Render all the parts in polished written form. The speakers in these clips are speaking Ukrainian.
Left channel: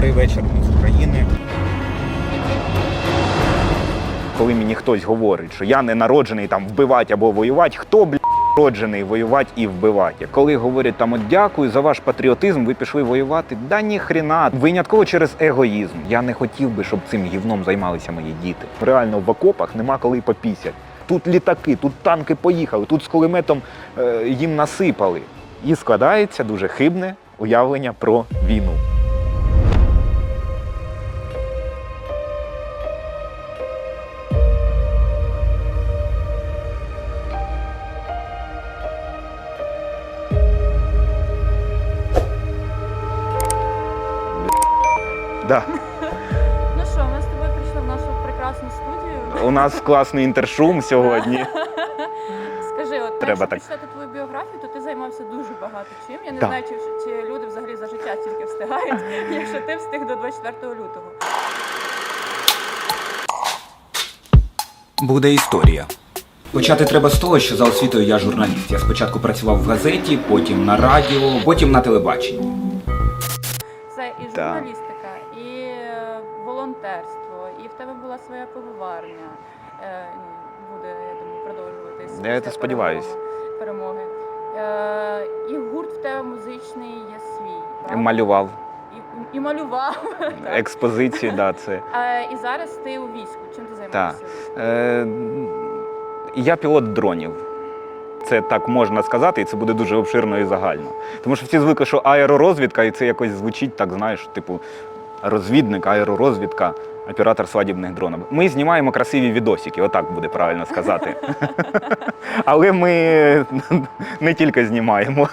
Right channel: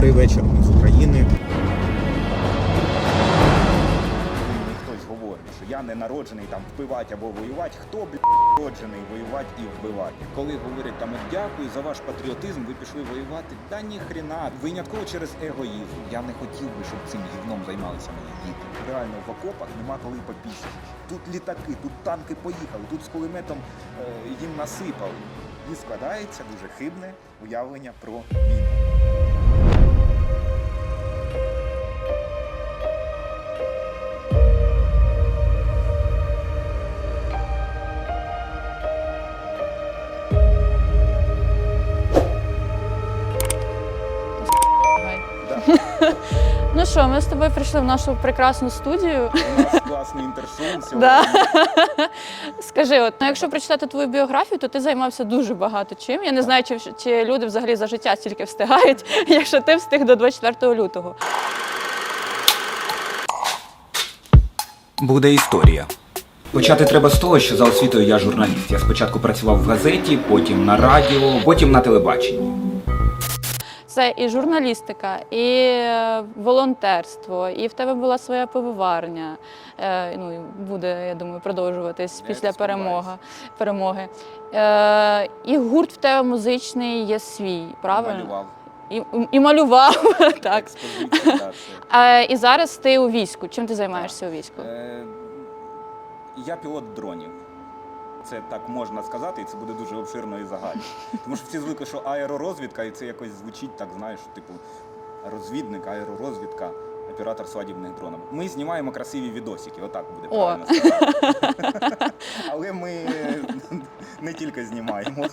Добрий вечір, ми з України. Коли мені хтось говорить, що я не народжений там вбивати або воювати, хто, народжений воювати і вбивати? Коли говорять там, от дякую за ваш патріотизм, ви пішли воювати, да ні хрена, винятково через егоїзм. Я не хотів би, щоб цим гівном займалися мої діти. Реально в окопах нема коли попісять. Тут літаки, тут танки поїхали, тут з кулеметом їм насипали. І складається дуже хибне уявлення про війну. Да. Ну що, ми з тобою прийшли в нашу прекрасну студію. У нас класний інтершум сьогодні. Скажи, от якщо так. прочитати твою біографію, то ти займався дуже багато чим. Я не знаю, чи люди взагалі за життя стільки встигають, якщо ти встиг до 24 лютого. Буде історія. Почати треба з того, що за освітою я журналіст. Я спочатку працював в газеті, потім на радіо, потім на телебаченні. Це і журналістика, і волонтерство, і в тебе була своя пивоварня. Ну, буде, я думаю, продовжуватись Я після сподіваюсь. перемоги. І гурт в тебе музичний є свій, правда? Малював. І малював. Так. Експозиції, да, це. І зараз ти у війську. Чим ти займаєшся у війську? Я пілот дронів. Це так можна сказати, і це буде дуже обширно і загально. Тому що всі звикли, що аеророзвідка, і це якось звучить так, знаєш, типу розвідник, аеророзвідка, оператор свадібних дронів. Ми знімаємо красиві відосики, отак буде правильно сказати. Але ми не тільки знімаємо.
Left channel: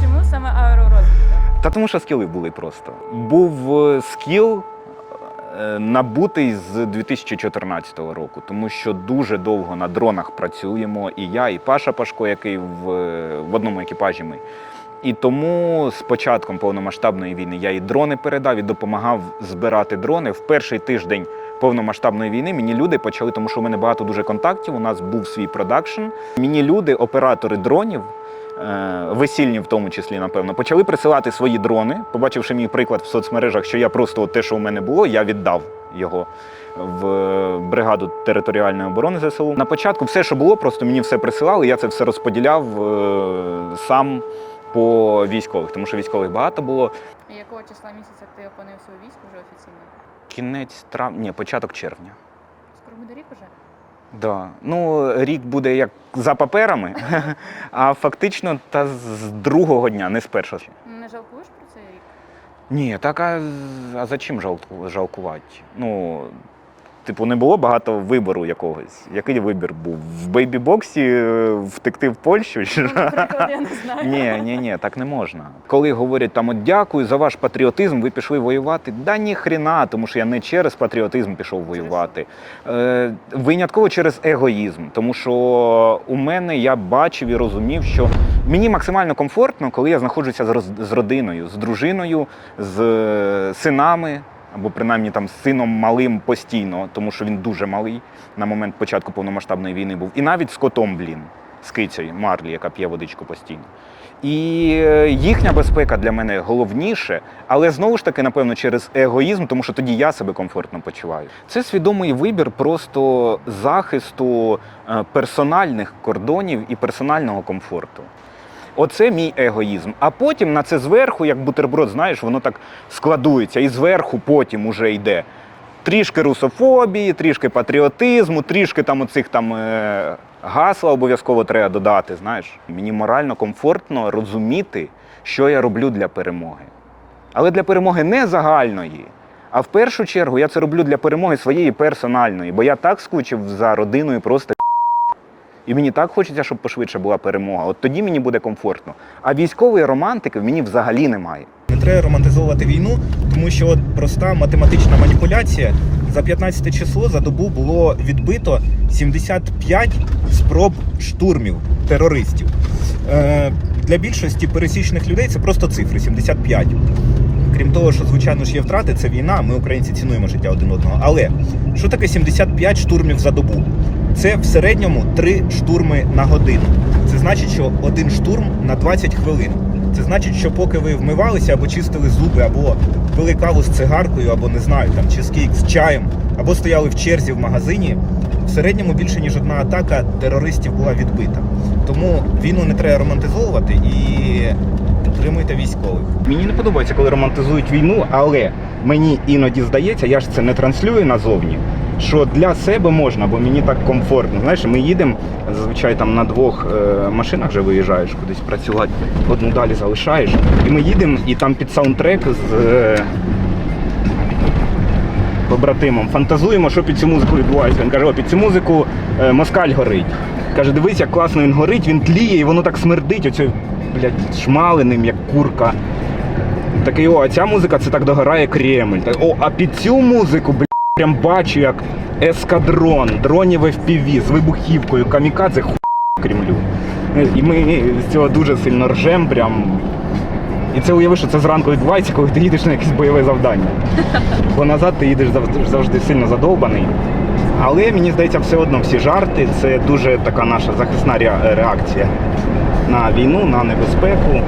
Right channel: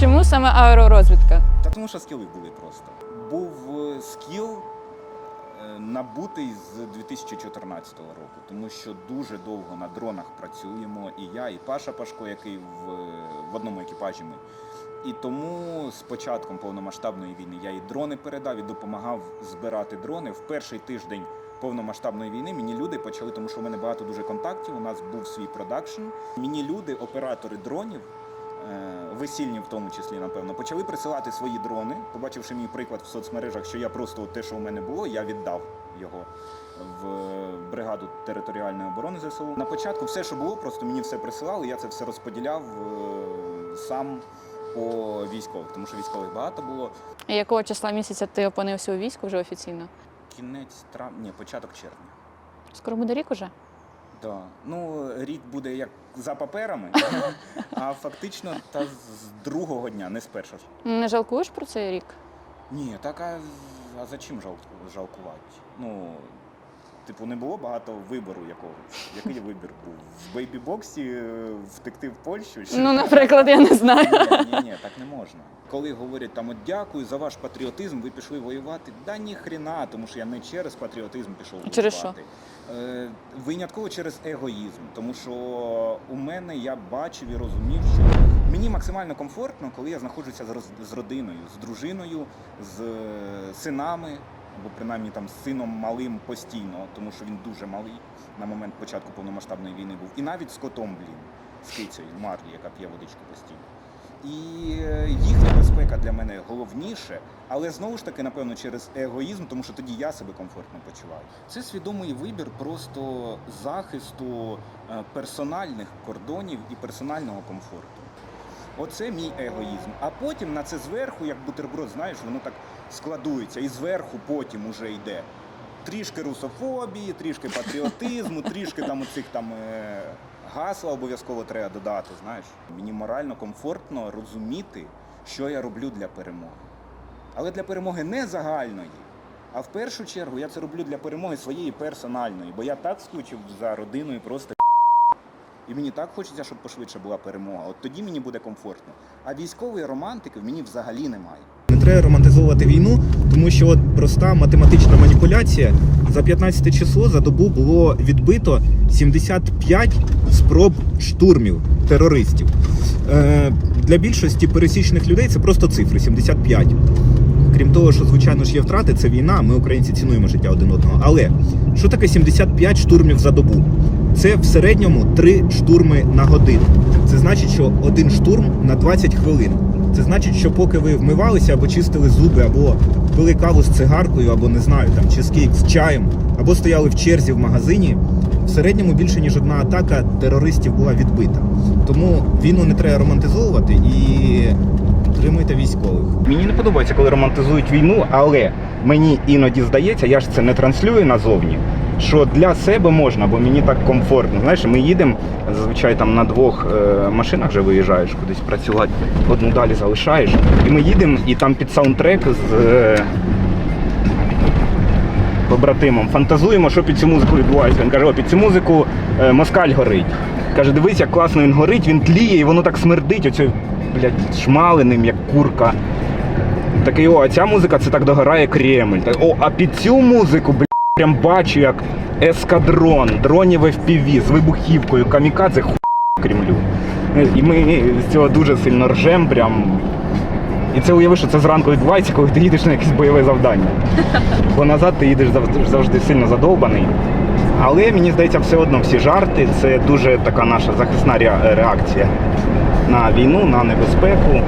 Чому саме аеророзвідка? Та тому що скіли були просто. Був скіл набутий з 2014 року, тому що дуже довго на дронах працюємо, і я, і Паша Пашко, який в одному екіпажі ми. І тому з початком повномасштабної війни я і дрони передав, і допомагав збирати дрони. В перший тиждень повномасштабної війни мені люди почали, тому що у мене багато дуже контактів, у нас був свій продакшн. Мені люди, оператори дронів, весільні в тому числі, напевно, почали присилати свої дрони, побачивши мій приклад в соцмережах, що я просто те, що у мене було, я віддав його в бригаду територіальної оборони ЗСУ. На початку все, що було, просто мені все присилали, я це все розподіляв сам по військових, тому що військових багато було. І якого числа місяця ти опинився у війську вже офіційно? Кінець травня, ні, початок червня. Скоро буде рік уже? Да. Ну, рік буде як за паперами, а фактично та з другого дня, не з першого. Не жалкуєш про цей рік? Ні, так а за чим жалкувати? Ну, типу, не було багато вибору якогось. Який вибір був? В бейбі-боксі втекти в Польщу? Ну, наприклад, я не знаю. Ні, так не можна. Коли говорять там, от дякую за ваш патріотизм, ви пішли воювати, да ні хрена, тому що я не через патріотизм пішов воювати. Винятково через егоїзм, тому що у мене я бачив і розумів, що мені максимально комфортно, коли я знаходжуся з родиною, з дружиною, з синами, або принаймні там з сином малим постійно, тому що він дуже малий на момент початку повномасштабної війни був. І навіть з котом, з кицею Марлі, яка п'є водичку постійно. І їхня безпека для мене головніше, але знову ж таки, напевно, через егоїзм, тому що тоді я себе комфортно почуваю. Це свідомий вибір просто захисту персональних кордонів і персонального комфорту. Оце мій егоїзм. А потім на це зверху, як бутерброд, знаєш, воно так складується. І зверху потім уже йде трішки русофобії, трішки патріотизму, трішки там оцих там гасла обов'язково треба додати, знаєш. Мені морально комфортно розуміти, що я роблю для перемоги. Але для перемоги не загальної, а в першу чергу я це роблю для перемоги своєї персональної, бо я так скучив за родиною просто. І мені так хочеться, щоб пошвидше була перемога. От тоді мені буде комфортно. А військової романтики в мені взагалі немає. Не треба романтизовувати війну, тому що от проста математична маніпуляція. За 15 число за добу було відбито 75 спроб штурмів терористів. Для більшості пересічних людей це просто цифри 75. Крім того, що, звичайно ж, є втрати, це війна, ми, українці, цінуємо життя один одного. Але що таке 75 штурмів за добу? Це в середньому 3 штурми на годину. Це значить, що один штурм на 20 хвилин. Це значить, що поки ви вмивалися або чистили зуби, або пили каву з цигаркою, або, не знаю, там чизкейк з чаєм, або стояли в черзі в магазині, в середньому більше, ніж одна атака терористів була відбита. Тому війну не треба романтизовувати і підтримуйте військових. Мені не подобається, коли романтизують війну, але мені іноді здається, я ж це не транслюю назовні, що для себе можна, бо мені так комфортно. Знаєш, ми їдемо, зазвичай там на 2 машинах вже виїжджаєш кудись працювати, одну далі залишаєш, і ми їдемо, і там під саундтрек з побратимом фантазуємо, що під цю музику відбувається. Він каже, о, під цю музику москаль горить. Каже, дивись, як класно він горить, він тліє, і воно так смердить, оцю, блядь, шмаленим, як курка. Такий, о, а ця музика, це так догорає Кремль. Так, о, а під цю музику, блядь, прям бачу, як ескадрон, дронів FPV з вибухівкою, камікадзе, хуй Кремлю. І ми з цього дуже сильно ржем, прям. І це уяви, що це зранку відбувається, коли ти їдеш на якесь бойове завдання. Бо назад ти їдеш завжди сильно задовбаний. Але, мені здається, все одно всі жарти – це дуже така наша захисна реакція на війну, на небезпеку.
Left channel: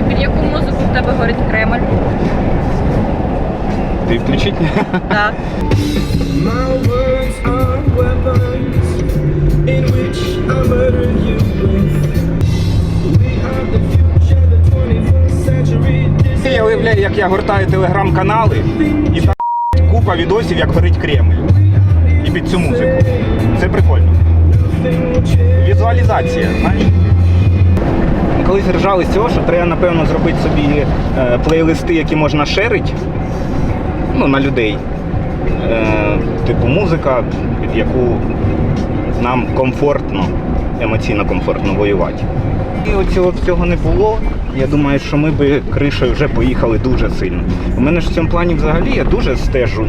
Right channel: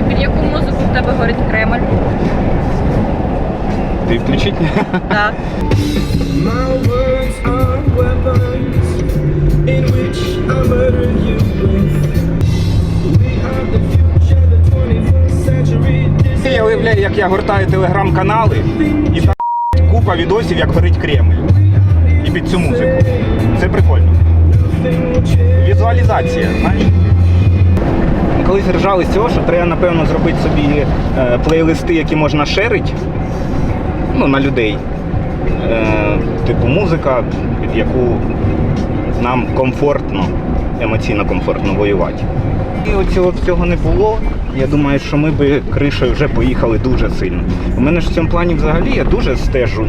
І під яку музику в тебе горить Кремль? Ти включить? Так. My words are weapons in which I murder you with. We are the future, the 21st century. Я уявляю, як я гортаю телеграм-канали і там купа відосів, як горить Кремль. І під цю музику. Це прикольно. Візуалізація, знаєш? Колись ржали з цього, що треба, напевно, зробити собі плейлисти, які можна шерити, ну, на людей. Типу музика, під яку нам комфортно, емоційно комфортно воювати. І цього всього не було. Я думаю, що ми би кришею вже поїхали дуже сильно. У мене ж в цьому плані взагалі я дуже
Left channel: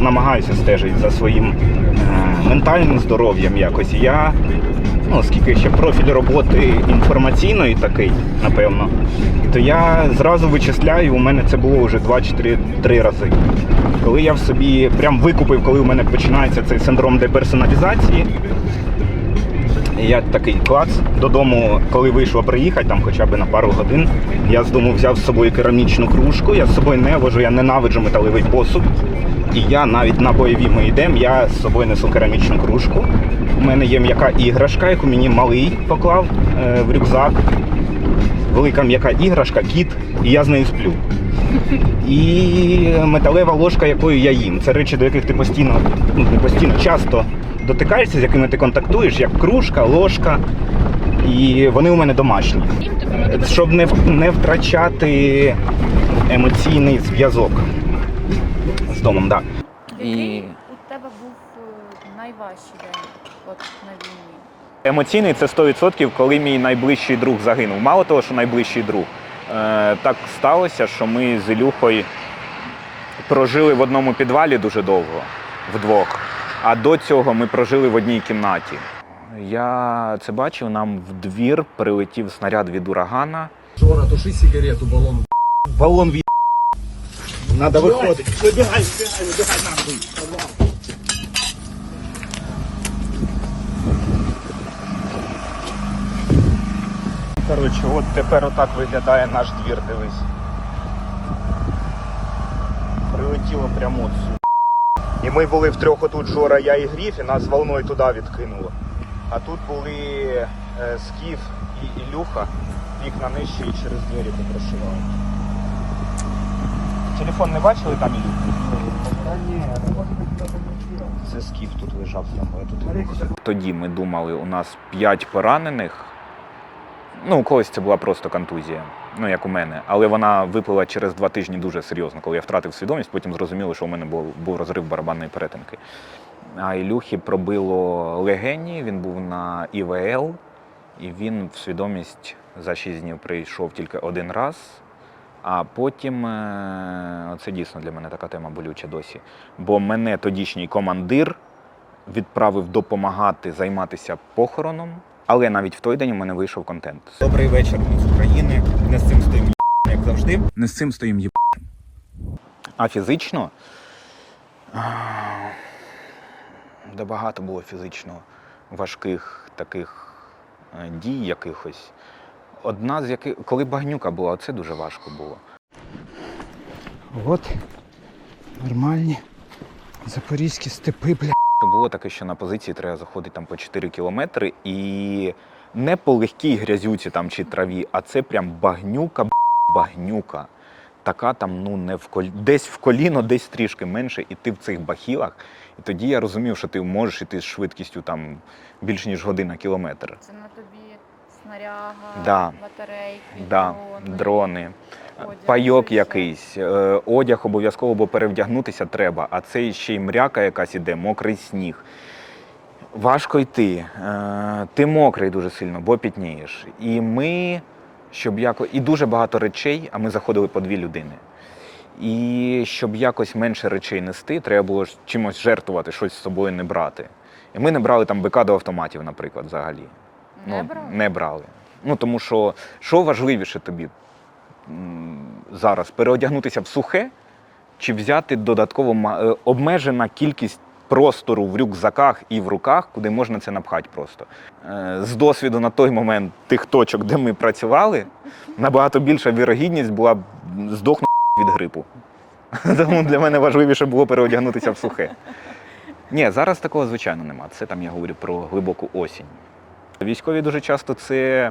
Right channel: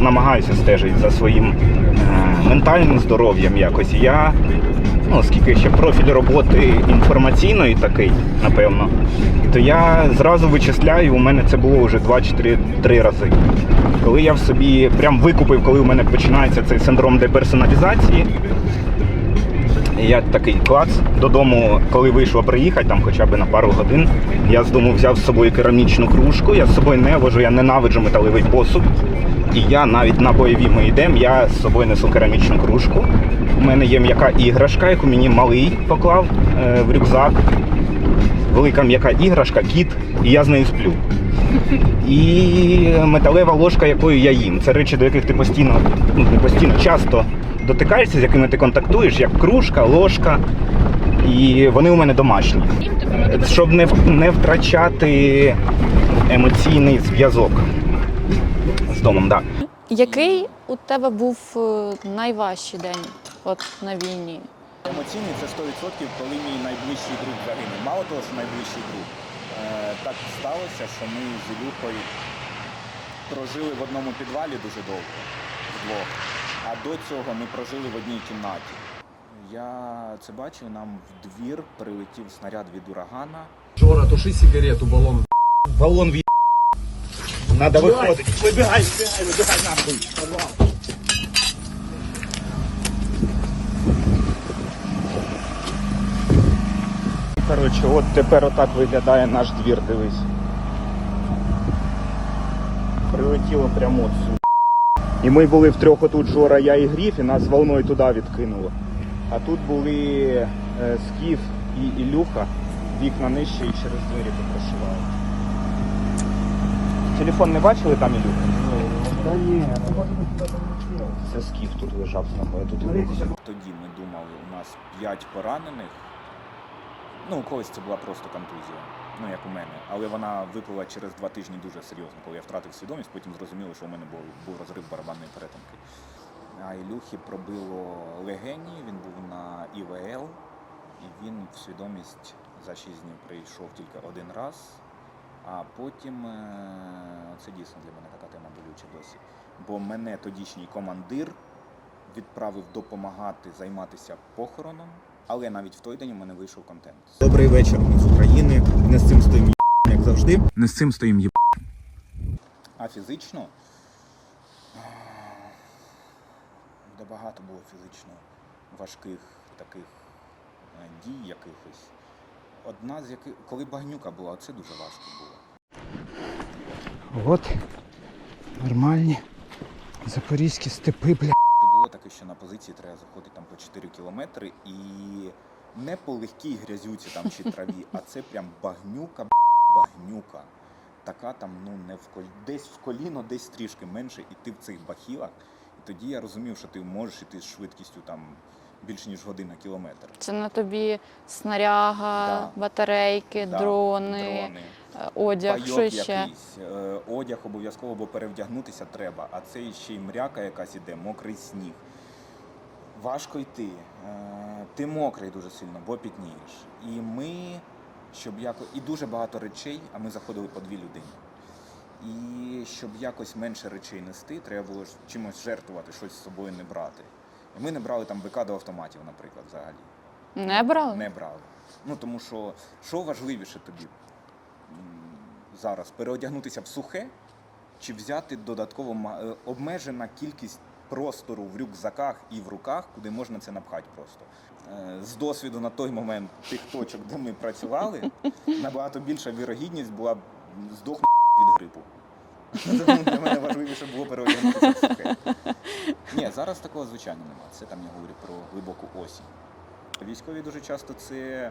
намагаюся стежити за своїм ментальним здоров'ям якось. Я, ну, оскільки ще профіль роботи інформаційної такий, напевно, то я зразу вичисляю, у мене це було вже 2-3 рази. Коли я в собі прям викупив, коли у мене починається цей синдром деперсоналізації, я такий клац, додому, коли вийшло приїхати, там хоча б на пару годин, я з дому взяв з собою керамічну кружку, я з собою не вожу, я ненавиджу металевий посуд. І я навіть на бойові ми йдемо, я з собою несу керамічну кружку. У мене є м'яка іграшка, яку мені малий поклав в рюкзак. Велика м'яка іграшка, кіт, і я з нею сплю. І металева ложка, якою я їм. Це речі, до яких ти постійно, ну не постійно, часто дотикаєшся, з якими ти контактуєш, як кружка, ложка. І вони у мене домашні. Щоб не втрачати емоційний зв'язок з домом, так. Який у тебе був найважчий день от на війні? Емоційний – це 100%, коли мій найближчий друг загинув. Мало того, що найближчий друг. Так сталося, що ми з Ілюхою прожили в одному підвалі дуже довго, вдвох. А до цього ми прожили в одній кімнаті. Я це бачив, нам в двір прилетів снаряд від урагана. Жора, туши сигарету, баллон. Балон в Надо виходити. Выбегай нахуй. Коротше, от тепер отак виглядає наш двір, дивись. Прилетіло прямо. І ми були втрьох отут, Жора, я і Гріф, і нас волною туди відкинуло. А тут були Скіф і Ілюха, вікна нижчі і через двері попрацювали. Телефон не бачили, пані Ілюха? Та ні. Це Скіф тут лежав. Тоді ми думали, у нас 5 поранених. Ну, у когось це була просто контузія, ну, як у мене. Але вона виплила через 2 тижні дуже серйозно, коли я втратив свідомість, потім зрозуміло, що у мене був розрив барабанної перетинки. А Ілюхі пробило легені, він був на ІВЛ, і він в свідомість за 6 днів прийшов тільки 1 раз, А потім, це дійсно для мене така тема болюча досі, бо мене тодішній командир відправив допомагати займатися похороном, але навіть в той день у мене вийшов контент. Добрий вечір, ми з України. Не з цим стоїм як завжди. Не з цим стоїм А фізично? Да багато було фізично важких таких дій якихось. Одна з яких, коли багнюка була, це дуже важко було. От нормальні запорізькі степи, бля. Було таке, що на позиції треба заходити там по 4 кілометри і не по легкій грязюці там чи траві, а це прям багнюка. Така там, ну, не в десь в коліно, десь трішки менше, і ти в цих бахілах. І тоді я розумів, що ти можеш іти з швидкістю там більш ніж година кілометр. Це на тобі снаряга, Да. батарейки, Да, дрони, дрони. одяг. Пайок що ще? якийсь, одяг обов'язково, бо перевдягнутися треба, а це ще й мряка якась іде, мокрий сніг. Важко йти, ти мокрий дуже сильно, бо пітнієш. І ми, і дуже багато речей, а ми заходили по 2 людини. І щоб якось менше речей нести, треба було ж чимось жертвувати, щось з собою не брати. І ми не брали там БК до автоматів, наприклад, взагалі. Не брали? Не брали. Ну, тому що важливіше тобі зараз? Переодягнутися в сухе чи взяти додатково обмежена кількість простору в рюкзаках і в руках, куди можна це напхати просто. З досвіду на той момент тих точок, де ми працювали, набагато більша вірогідність була здохнути від грипу. Тому для мене важливіше було переодягнутися в сухе. Ні, зараз такого, звичайно, нема. Це там я говорю про глибоку осінь. Військові дуже часто це,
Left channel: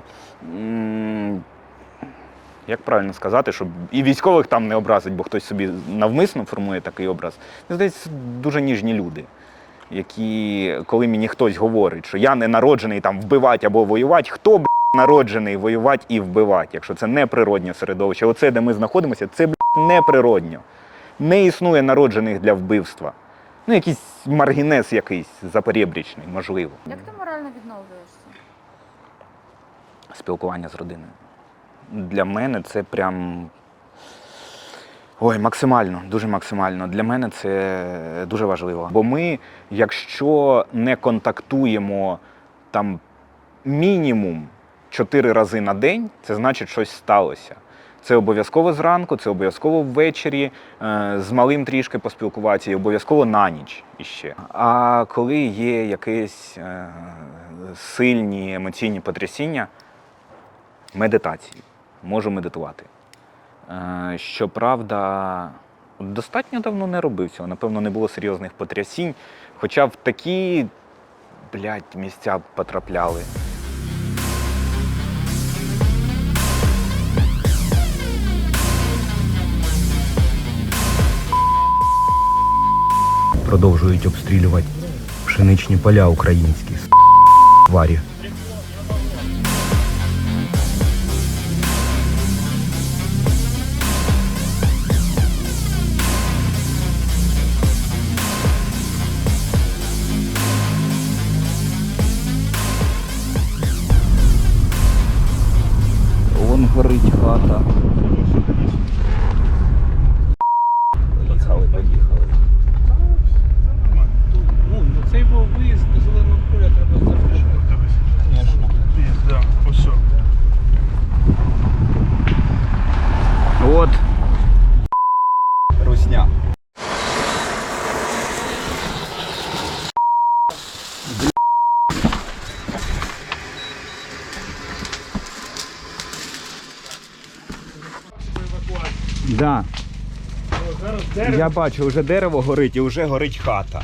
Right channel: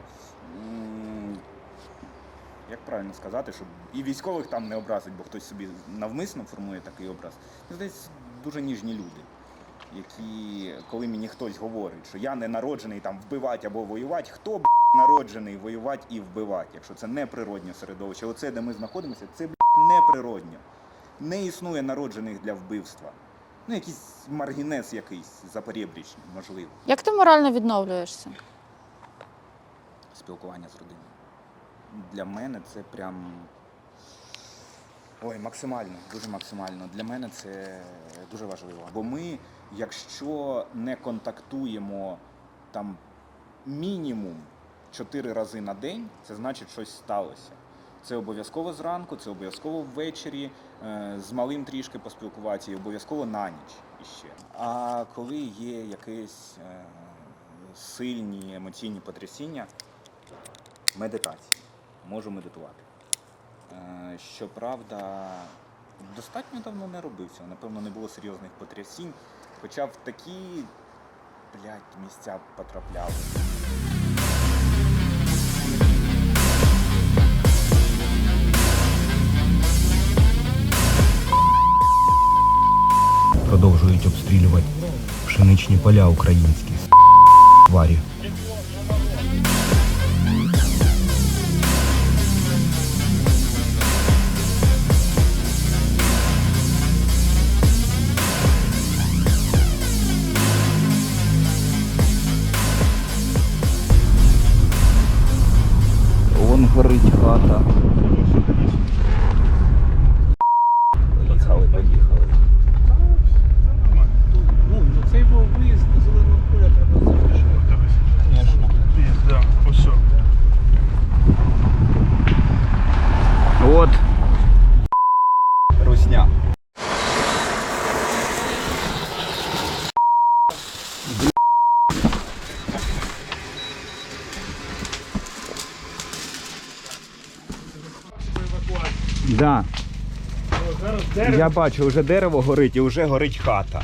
як правильно сказати, щоб і військових там не образить, бо хтось собі навмисно формує такий образ. Мені здається, дуже ніжні люди, які, коли мені хтось говорить, що я не народжений там вбивати або воювати, хто, народжений воювати і вбивати, якщо це не природнє середовище. Оце, де ми знаходимося, це, неприродньо. Не існує народжених для вбивства. Ну, якийсь маргінез якийсь запорєбрічний, можливо. Як ти морально відновлюєшся? Спілкування з родиною. Для мене це прям... Ой, максимально, дуже максимально. Для мене це дуже важливо. Бо ми, якщо не контактуємо там мінімум 4 рази на день, це значить, щось сталося. Це обов'язково зранку, це обов'язково ввечері, з малим трішки поспілкуватися і обов'язково на ніч іще. А коли є якісь сильні емоційні потрясіння, медитації. Можу медитувати. Щоправда, достатньо давно не робив цього. Напевно, не було серйозних потрясінь, хоча в такі, місця потрапляли. Продовжують обстрілювати пшеничні поля українські. Тварі. Вон горить хата. Поїхали. Ну, цей виїзд до зеленого поля треба завершити. Звісно. Да, ось. От. Русня. Да. Я бачу, вже дерево горить і вже горить хата.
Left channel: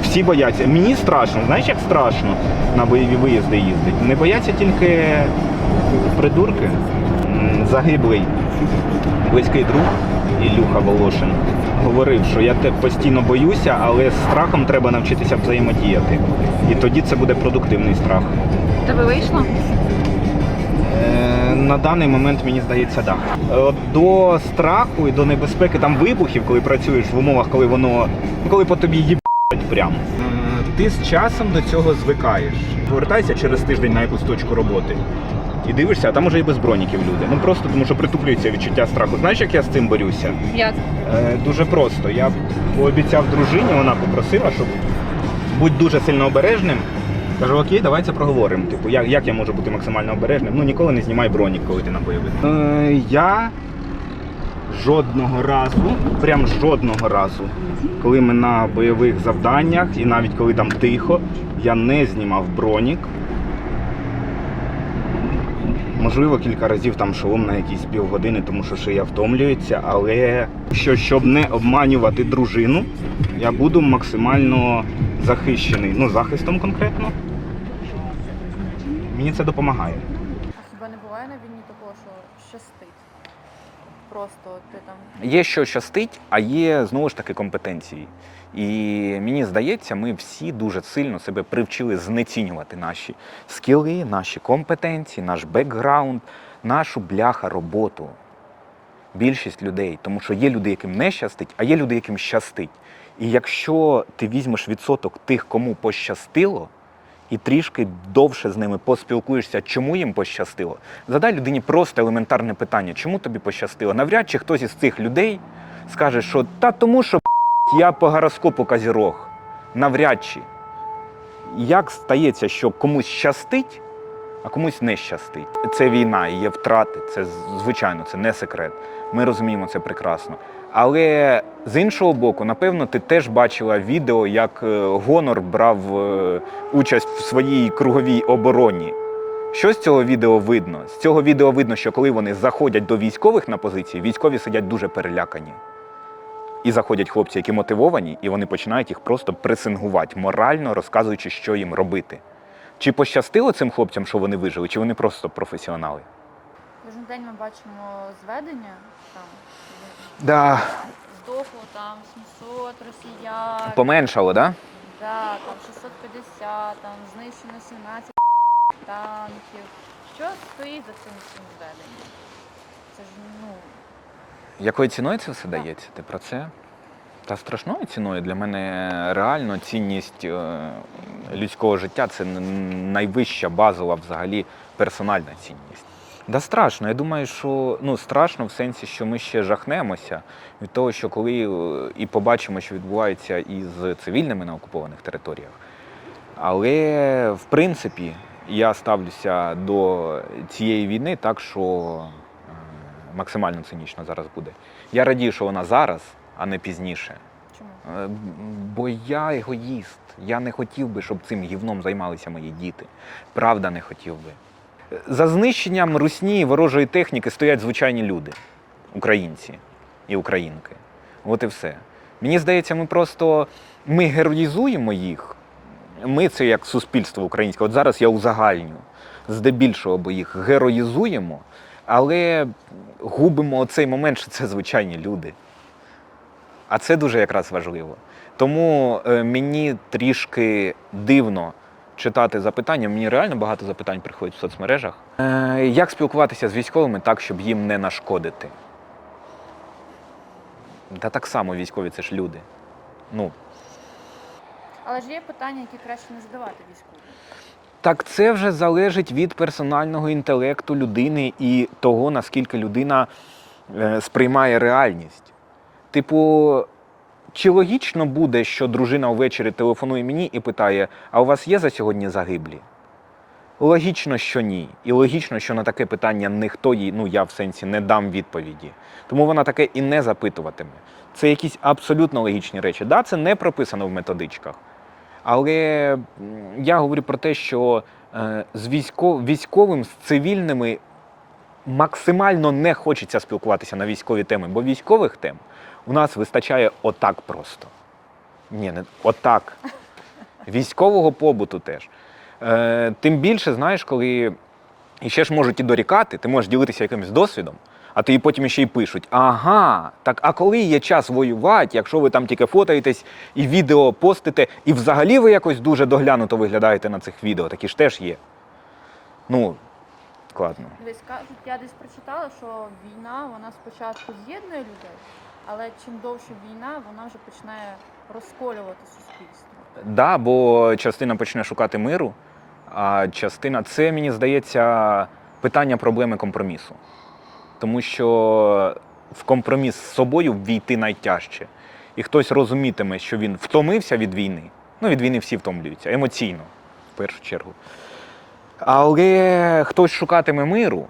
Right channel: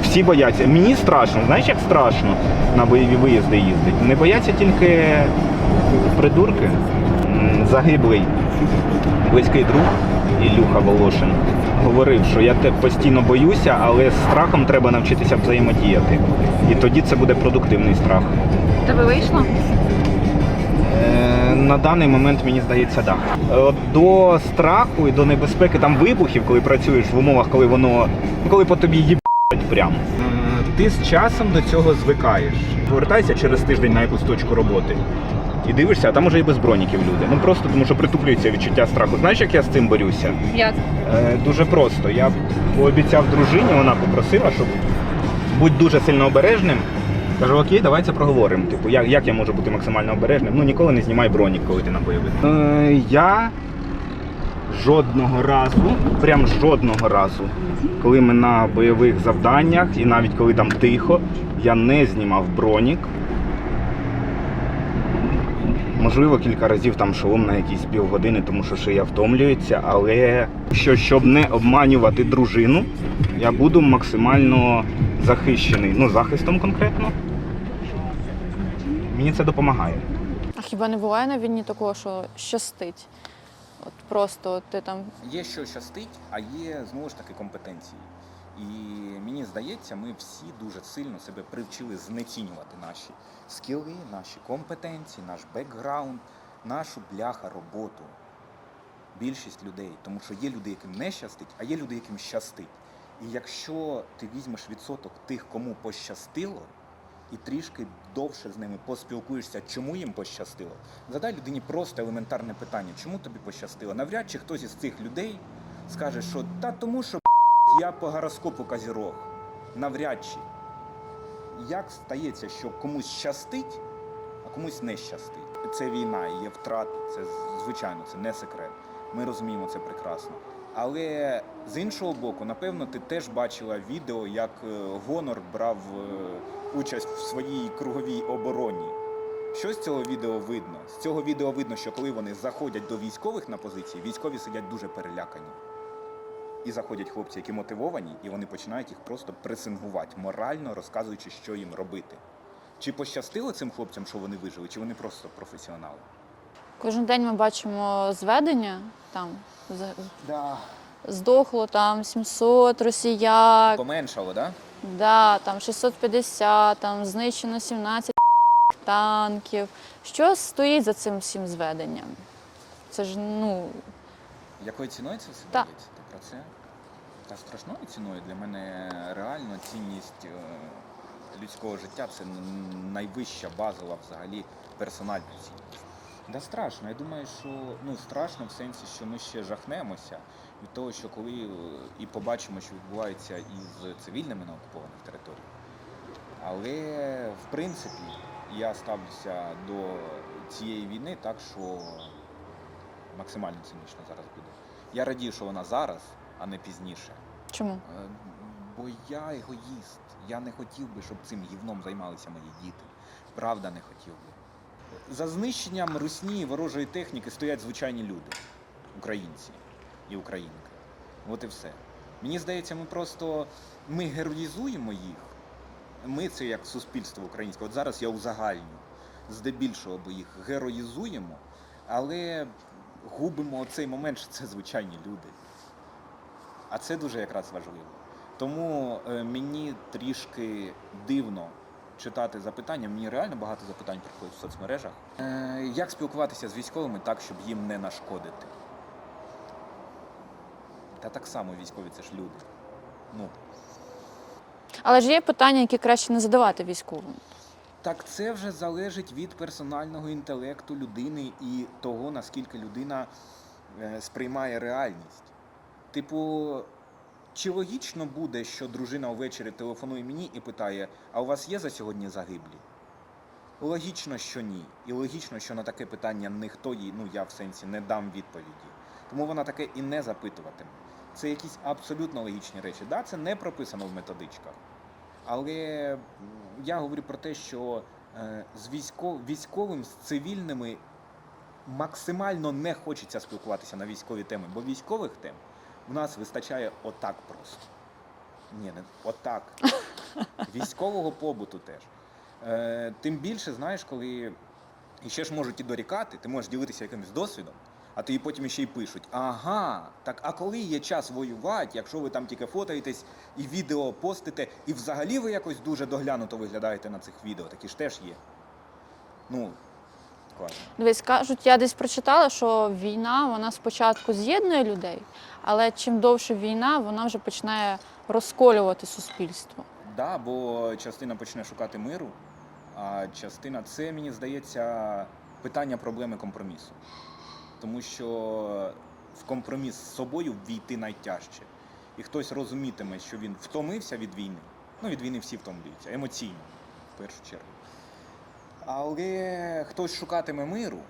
Всі бояться. Мені страшно. Знаєш, як страшно на бойові виїзди їздити? Не бояться тільки придурки. Загиблий близький друг Ілюха Волошин говорив, що я тебе постійно боюся, але з страхом треба навчитися взаємодіяти. І тоді це буде продуктивний страх. Тебе вийшло? На даний момент, мені здається, так. До страху і до небезпеки там вибухів, коли працюєш в умовах, коли по тобі їбать прямо. Ти з часом до цього звикаєш. Повертайся через тиждень на якусь точку роботи. І дивишся, а там уже і без броніків люди. Ну просто тому, що притуплюється відчуття страху. Знаєш, як я з цим борюся? Як? Дуже просто. Я пообіцяв дружині, вона попросила, щоб будь дуже сильно обережним. Кажу, окей, давай це проговоримо. Типу, як я можу бути максимально обережним? Ну, ніколи не знімай бронік, коли ти на бойових. Я жодного разу, прям жодного разу, коли ми на бойових завданнях, і навіть коли там тихо, я не знімав бронік. Можливо, кілька разів там шолом на якісь півгодини, тому що шия втомлюється, але щоб не обманювати дружину, я буду максимально захищений, ну, захистом конкретно. Мені це допомагає. А хіба не буває на війні такого, що щастить? От просто ти там. Є що щастить, а є, знову ж таки, компетенції. І мені здається, ми всі дуже сильно себе привчили знецінювати наші скіли, наші компетенції, наш бекграунд, нашу бляха роботу. Більшість людей. Тому що є люди, яким не щастить, а є люди, яким щастить. І якщо ти візьмеш відсоток тих, кому пощастило, і трішки довше з ними поспілкуєшся, чому їм пощастило, задай людині просто елементарне питання, чому тобі пощастило. Навряд чи хтось із цих людей скаже, що та тому, що я по гороскопу Козірог. Навряд чи. Як стається, що комусь щастить, а комусь не щастить? Це війна, є втрати, це, звичайно, це не секрет. Ми розуміємо це прекрасно. Але з іншого боку, напевно, ти теж бачила відео, як Гонор брав участь в своїй круговій обороні. Що з цього відео видно? З цього відео видно, що коли вони заходять до військових на позиції, військові сидять дуже перелякані. І заходять хлопці, які мотивовані, і вони починають їх просто пресингувати, морально розказуючи, що їм робити. Чи пощастило цим хлопцям, що вони вижили, чи вони просто професіонали? Кожен день ми бачимо зведення, там Да. здохло там 700 росіян, Поменшало, так? да, там 650, там знищено 17 танків. Що стоїть за цим всім зведенням? Це ж, ну, Якою ціною це все Так. дається? Ти про це? Та страшною ціною для мене реально цінність людського життя – це найвища базова взагалі персональна цінність. Да страшно. Я думаю, що страшно в сенсі, що ми ще жахнемося від того, що коли і побачимо, що відбувається із цивільними на окупованих територіях. Але, в принципі, я ставлюся до цієї війни так, що максимально цинічно зараз буде. Я радію, що вона зараз, а не пізніше. чому? Бо я егоїст. Я не хотів би, щоб цим гівном займалися мої діти. Правда, не хотів би. За знищенням русні і ворожої техніки стоять звичайні люди. Українці і українки. От і все. Мені здається, ми героїзуємо їх. Ми це як суспільство українське. От зараз я узагальню. Здебільшого, бо їх героїзуємо, але губимо цей момент, що це звичайні люди. А це дуже якраз важливо. Тому мені трішки дивно читати запитання. Мені реально багато запитань приходять в соцмережах. Як спілкуватися з військовими так, щоб їм не нашкодити? Та так само військові – це ж люди. Але ж є питання, які краще не задавати військовим. Так це вже залежить від персонального інтелекту людини і того, наскільки людина сприймає реальність. Типу, чи логічно буде, що дружина ввечері телефонує мені і питає, а у вас є за сьогодні загиблі? Логічно, що ні. І логічно, що на таке питання ніхто їй, я в сенсі, не дам відповіді. Тому вона таке і не запитуватиме. Це якісь абсолютно логічні речі. Да, це не прописано в методичках. Але я говорю про те, що з військовим, з цивільними максимально не хочеться спілкуватися на військові теми, бо військових тем у нас вистачає отак просто. Ні, не отак. Військового побуту теж. Тим більше, знаєш, коли ще ж можуть і дорікати, ти можеш ділитися якимось досвідом, а тобі потім ще й пишуть, ага, так а коли є час воювати, якщо ви там тільки фотаєтесь і відео постите, і взагалі ви якось дуже доглянуто виглядаєте на цих відео, такі ж теж є. Складно. Дивись, кажуть, я десь прочитала, що війна, вона спочатку з'єднує людей, але чим довше війна, вона вже починає розколювати суспільство. Да, бо частина почне шукати миру, а частина це, мені здається, питання проблеми компромісу. Тому що в компроміс з собою ввійти найтяжче. І хтось розумітиме, що він втомився від війни. Ну, від війни всі втомлюються, емоційно, в першу чергу. Але хтось шукатиме миру,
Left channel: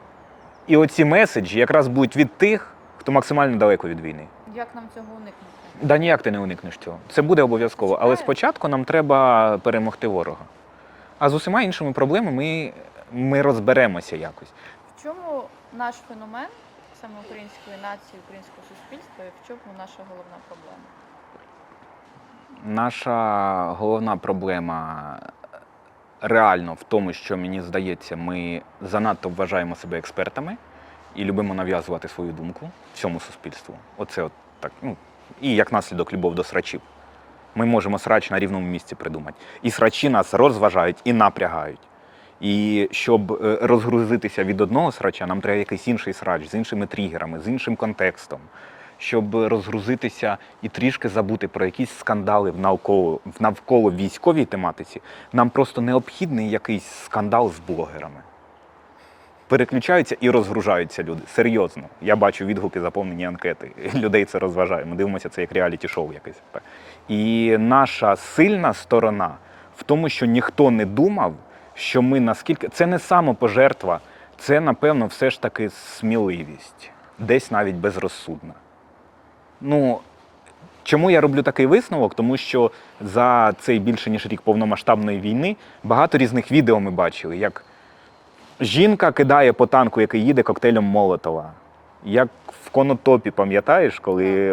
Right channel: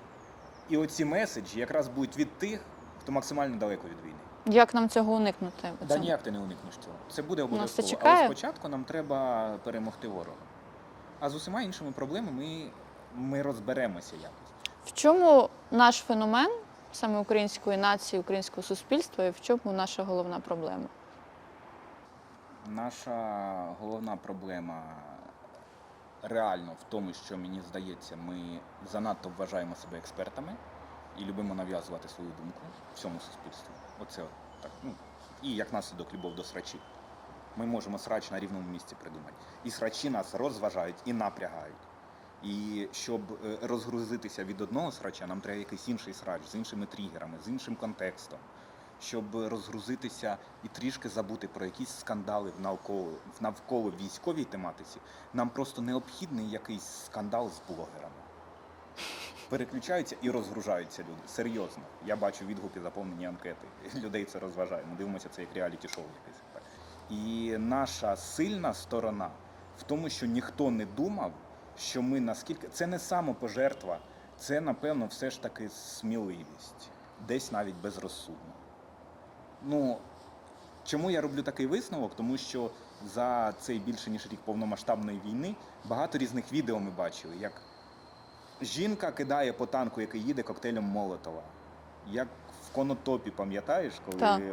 і оці меседжі якраз будуть від тих, хто максимально далеко від війни. Як нам цього уникнути? Да ніяк ти не уникнеш цього. Це буде обов'язково. чекає. Але спочатку нам треба перемогти ворога. А з усіма іншими проблемами ми розберемося якось. В чому наш феномен, саме української нації, українського суспільства, і в чому наша головна проблема? Наша головна проблема реально в тому, що, мені здається, ми занадто вважаємо себе експертами і любимо нав'язувати свою думку всьому суспільству. Оце от так. Ну, і як наслідок любов до срачів. Ми можемо срач на рівному місці придумати. І срачі нас розважають і напрягають. І щоб розгрузитися від одного срача, нам треба якийсь інший срач з іншими тригерами, з іншим контекстом. Щоб розгрузитися і трішки забути про якісь скандали в навколо військовій тематиці, нам просто необхідний якийсь скандал з блогерами. Переключаються і розгружаються люди. Серйозно. Я бачу відгуки, заповнені анкети. Людей це розважає. Ми дивимося це як реаліті-шоу якесь. І наша сильна сторона в тому, що ніхто не думав, що ми наскільки... Це не самопожертва, це, напевно, все ж таки сміливість. Десь навіть безрозсудна. Ну, чому я роблю такий висновок? Тому що за цей більше ніж рік повномасштабної війни багато різних відео ми бачили, як жінка кидає по танку, який їде, коктейлем Молотова. Як в Конотопі, пам'ятаєш, коли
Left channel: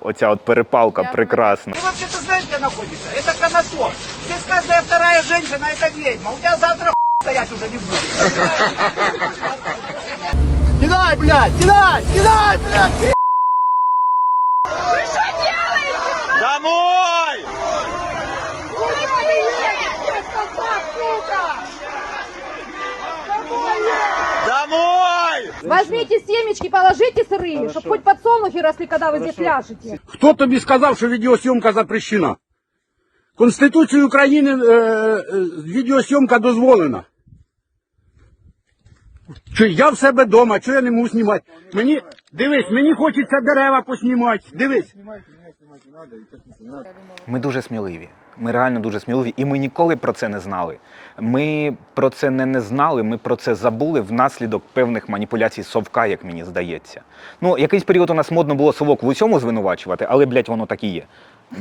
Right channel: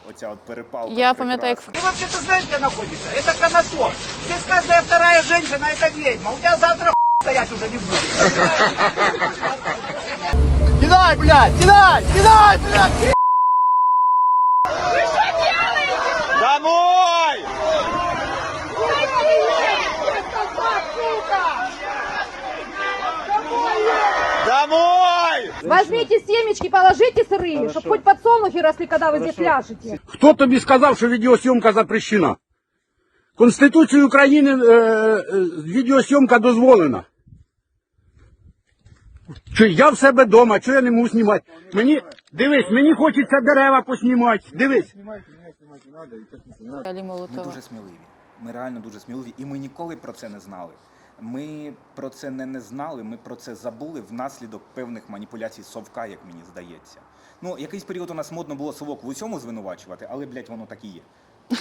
оця от перепалка Я прекрасна. Ты вообще-то знаешь, где находится? Это Конотоп. Здесь каждая вторая женщина – это ведьма. У тебя завтра стоять уже не будет. Кидай, блядь! Кидай! Кидай, блядь! Домой! Домой! Возьмите семечки, положите сырые, чтобы хоть подсолнухи росли, когда вы здесь пляшете. Хто тобі сказав, що відеосйомка запрещена? Конституцією України відеосйомка дозволена. Чи я в себе вдома, що я не можу знімати? Дивись, мені хочеться дерева поснімати. Дивись. Ми дуже сміливі. Ми реально дуже сміливі. І ми ніколи про це не знали. Ми про це не знали, ми про це забули внаслідок певних маніпуляцій совка, як мені здається. Ну, якийсь період у нас модно було совок в усьому звинувачувати, але, блядь, воно так і є.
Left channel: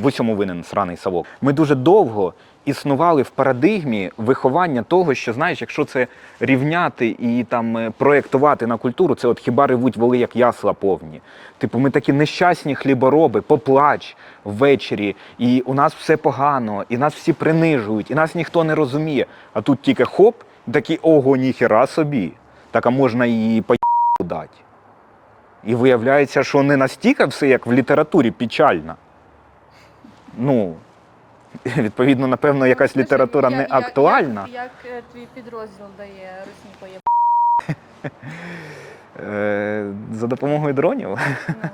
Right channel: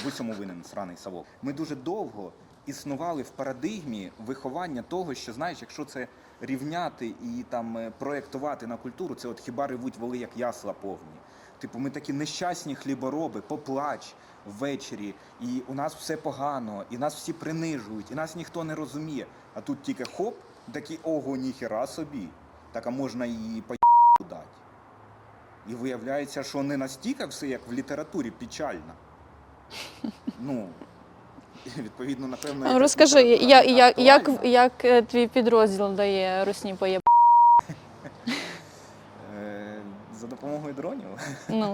В усьому винен сраний совок. Ми дуже довго існували в парадигмі виховання того, що, знаєш, якщо це рівняти і там проєктувати на культуру, це от хіба ревуть воли, як ясла повні. Типу, ми такі нещасні хлібороби, поплач ввечері, і у нас все погано, і нас всі принижують, і нас ніхто не розуміє. А тут тільки хоп, такі, ого, ніхера собі. Так, а можна і по дати. І виявляється, що не настільки все, як в літературі, печально. Ну, відповідно, напевно, якась розкажи, література не актуальна. Як твій підрозділ дає русні поєб? За допомогою дронів.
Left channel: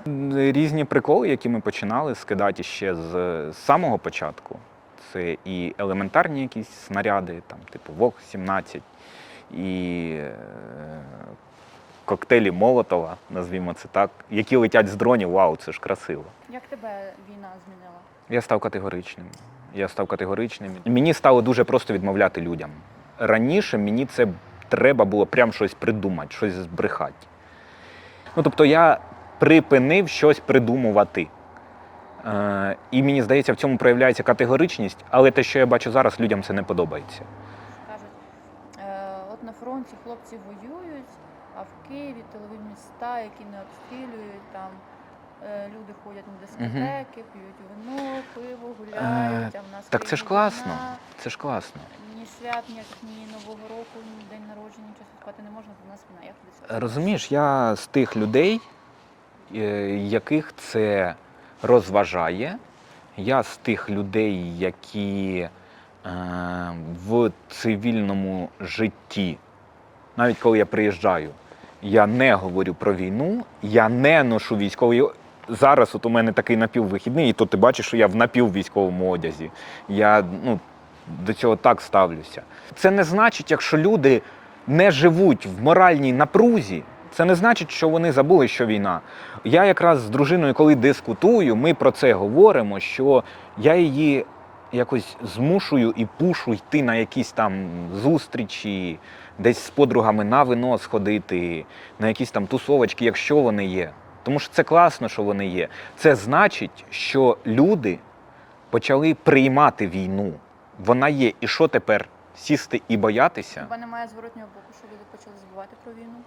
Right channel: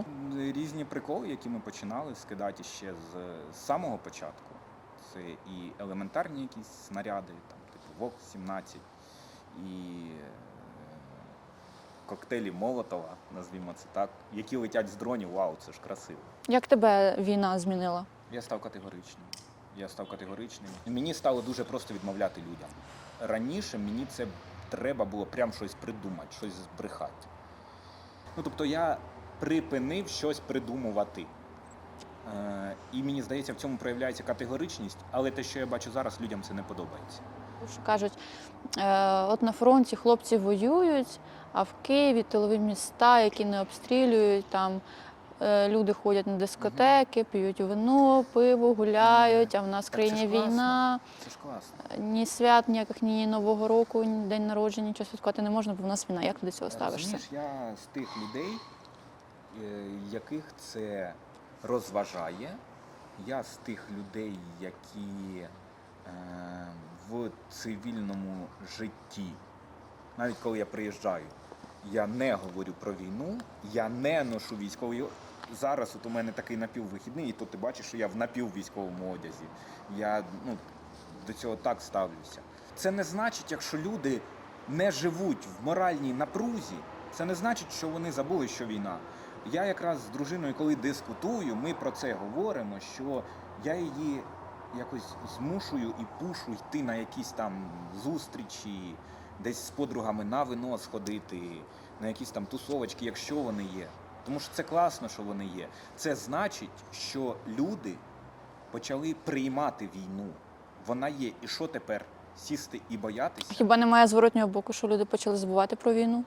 Ну. Різні приколи, які ми починали скидати ще з самого початку. Це і елементарні якісь снаряди, там, типу ВОК-17, і коктейлі Молотова, назвімо це так, які летять з дронів. Вау, це ж красиво. Як тебе війна змінила? Я став категоричним. Мені стало дуже просто відмовляти людям. Раніше мені це треба було прям щось придумати, щось збрехати. Ну, тобто я припинив щось придумувати. І мені здається, в цьому проявляється категоричність, але те, що я бачу зараз, людям це не подобається. Що кажуть, от на фронті хлопці воюють, а в Києві тилові міста, які не обстрілюють, там люди ходять на дискотеки, п'ють вино, пиво, гуляють, а в нас в Так країні це ж класно. війна. Це ж класно. Ні свят, ніяких, ні Нового року, ні день народження, нічого святкувати не можна, бо в нас війна. Як ти до цього ставишся? Розумієш, я з тих людей, яких це розважає, я з тих людей, які в цивільному житті, навіть коли я приїжджаю, я не говорю про війну, я не ношу військовий зараз от у мене такий напіввихідний, і то ти бачиш, що я в напіввійськовому одязі. Я до цього так ставлюся. Це не значить, якщо люди не живуть в моральній напрузі, це не значить, що вони забули, що війна. Я якраз з дружиною, коли дискутую, ми про це говоримо, що я її якось змушую і пушу йти на якісь там зустрічі, десь з подругами на вино сходити, на якісь там тусовочки, якщо вони є. Тому що це класно, що вони є. Це значить, що люди почали приймати війну. Вона є. І що тепер? Сісти і боятися? Хіба немає зворотнього боку, що люди почали забувати про війну?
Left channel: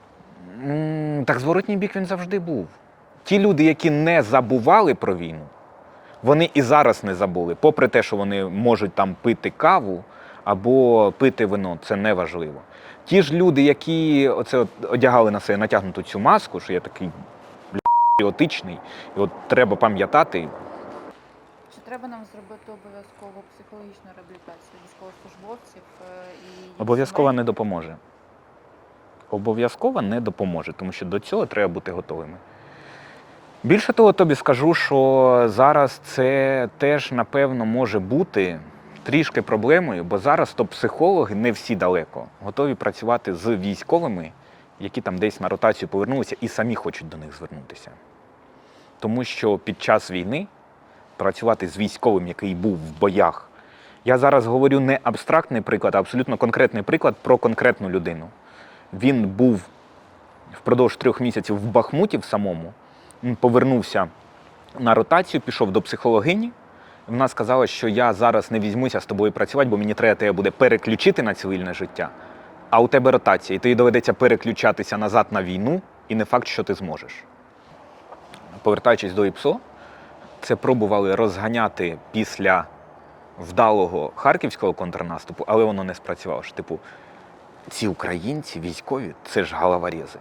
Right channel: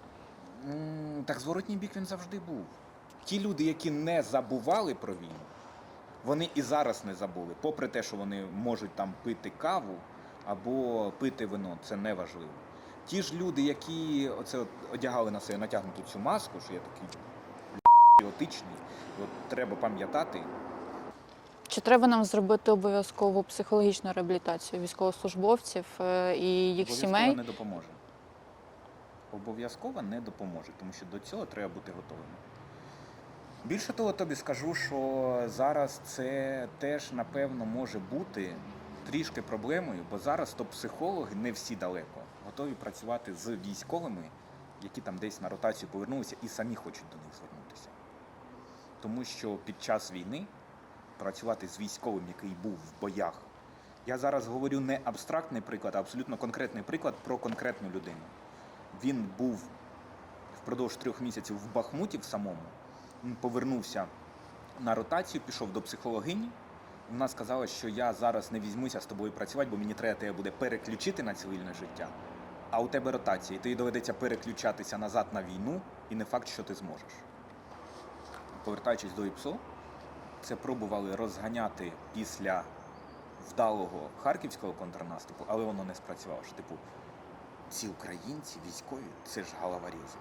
Так зворотній бік він завжди був. Ті люди, які не забували про війну, вони і зараз не забули. Попри те, що вони можуть там пити каву або пити вино, це не важливо. Ті ж люди, які оце одягали на себе натягнуту цю маску, що я такий патріотичний, і от треба пам'ятати. Чи треба нам зробити обов'язкову психологічну реабілітацію військовослужбовців і їх Обов'язково сімей? не допоможе. Обов'язково не допоможе, тому що до цього треба бути готовими. Більше того, тобі скажу, що зараз це теж, напевно, може бути трішки проблемою, бо зараз то психологи, не всі далеко, готові працювати з військовими, які там десь на ротацію повернулися і самі хочуть до них звернутися. Тому що під час війни працювати з військовим, який був в боях, я зараз говорю не абстрактний приклад, а абсолютно конкретний приклад про конкретну людину. Він був впродовж 3 місяців в Бахмуті в самому, він повернувся на ротацію, пішов до психологині. Вона сказала, що я зараз не візьмуся з тобою працювати, бо мені треба тебе буде переключити на цивільне життя, а у тебе ротація, і тобі доведеться переключатися назад на війну, і не факт, що ти зможеш. Повертаючись до ІПСО, це пробували розганяти після вдалого харківського контрнаступу, але воно не спрацювало. Типу, ці українці, військові, це ж головорези.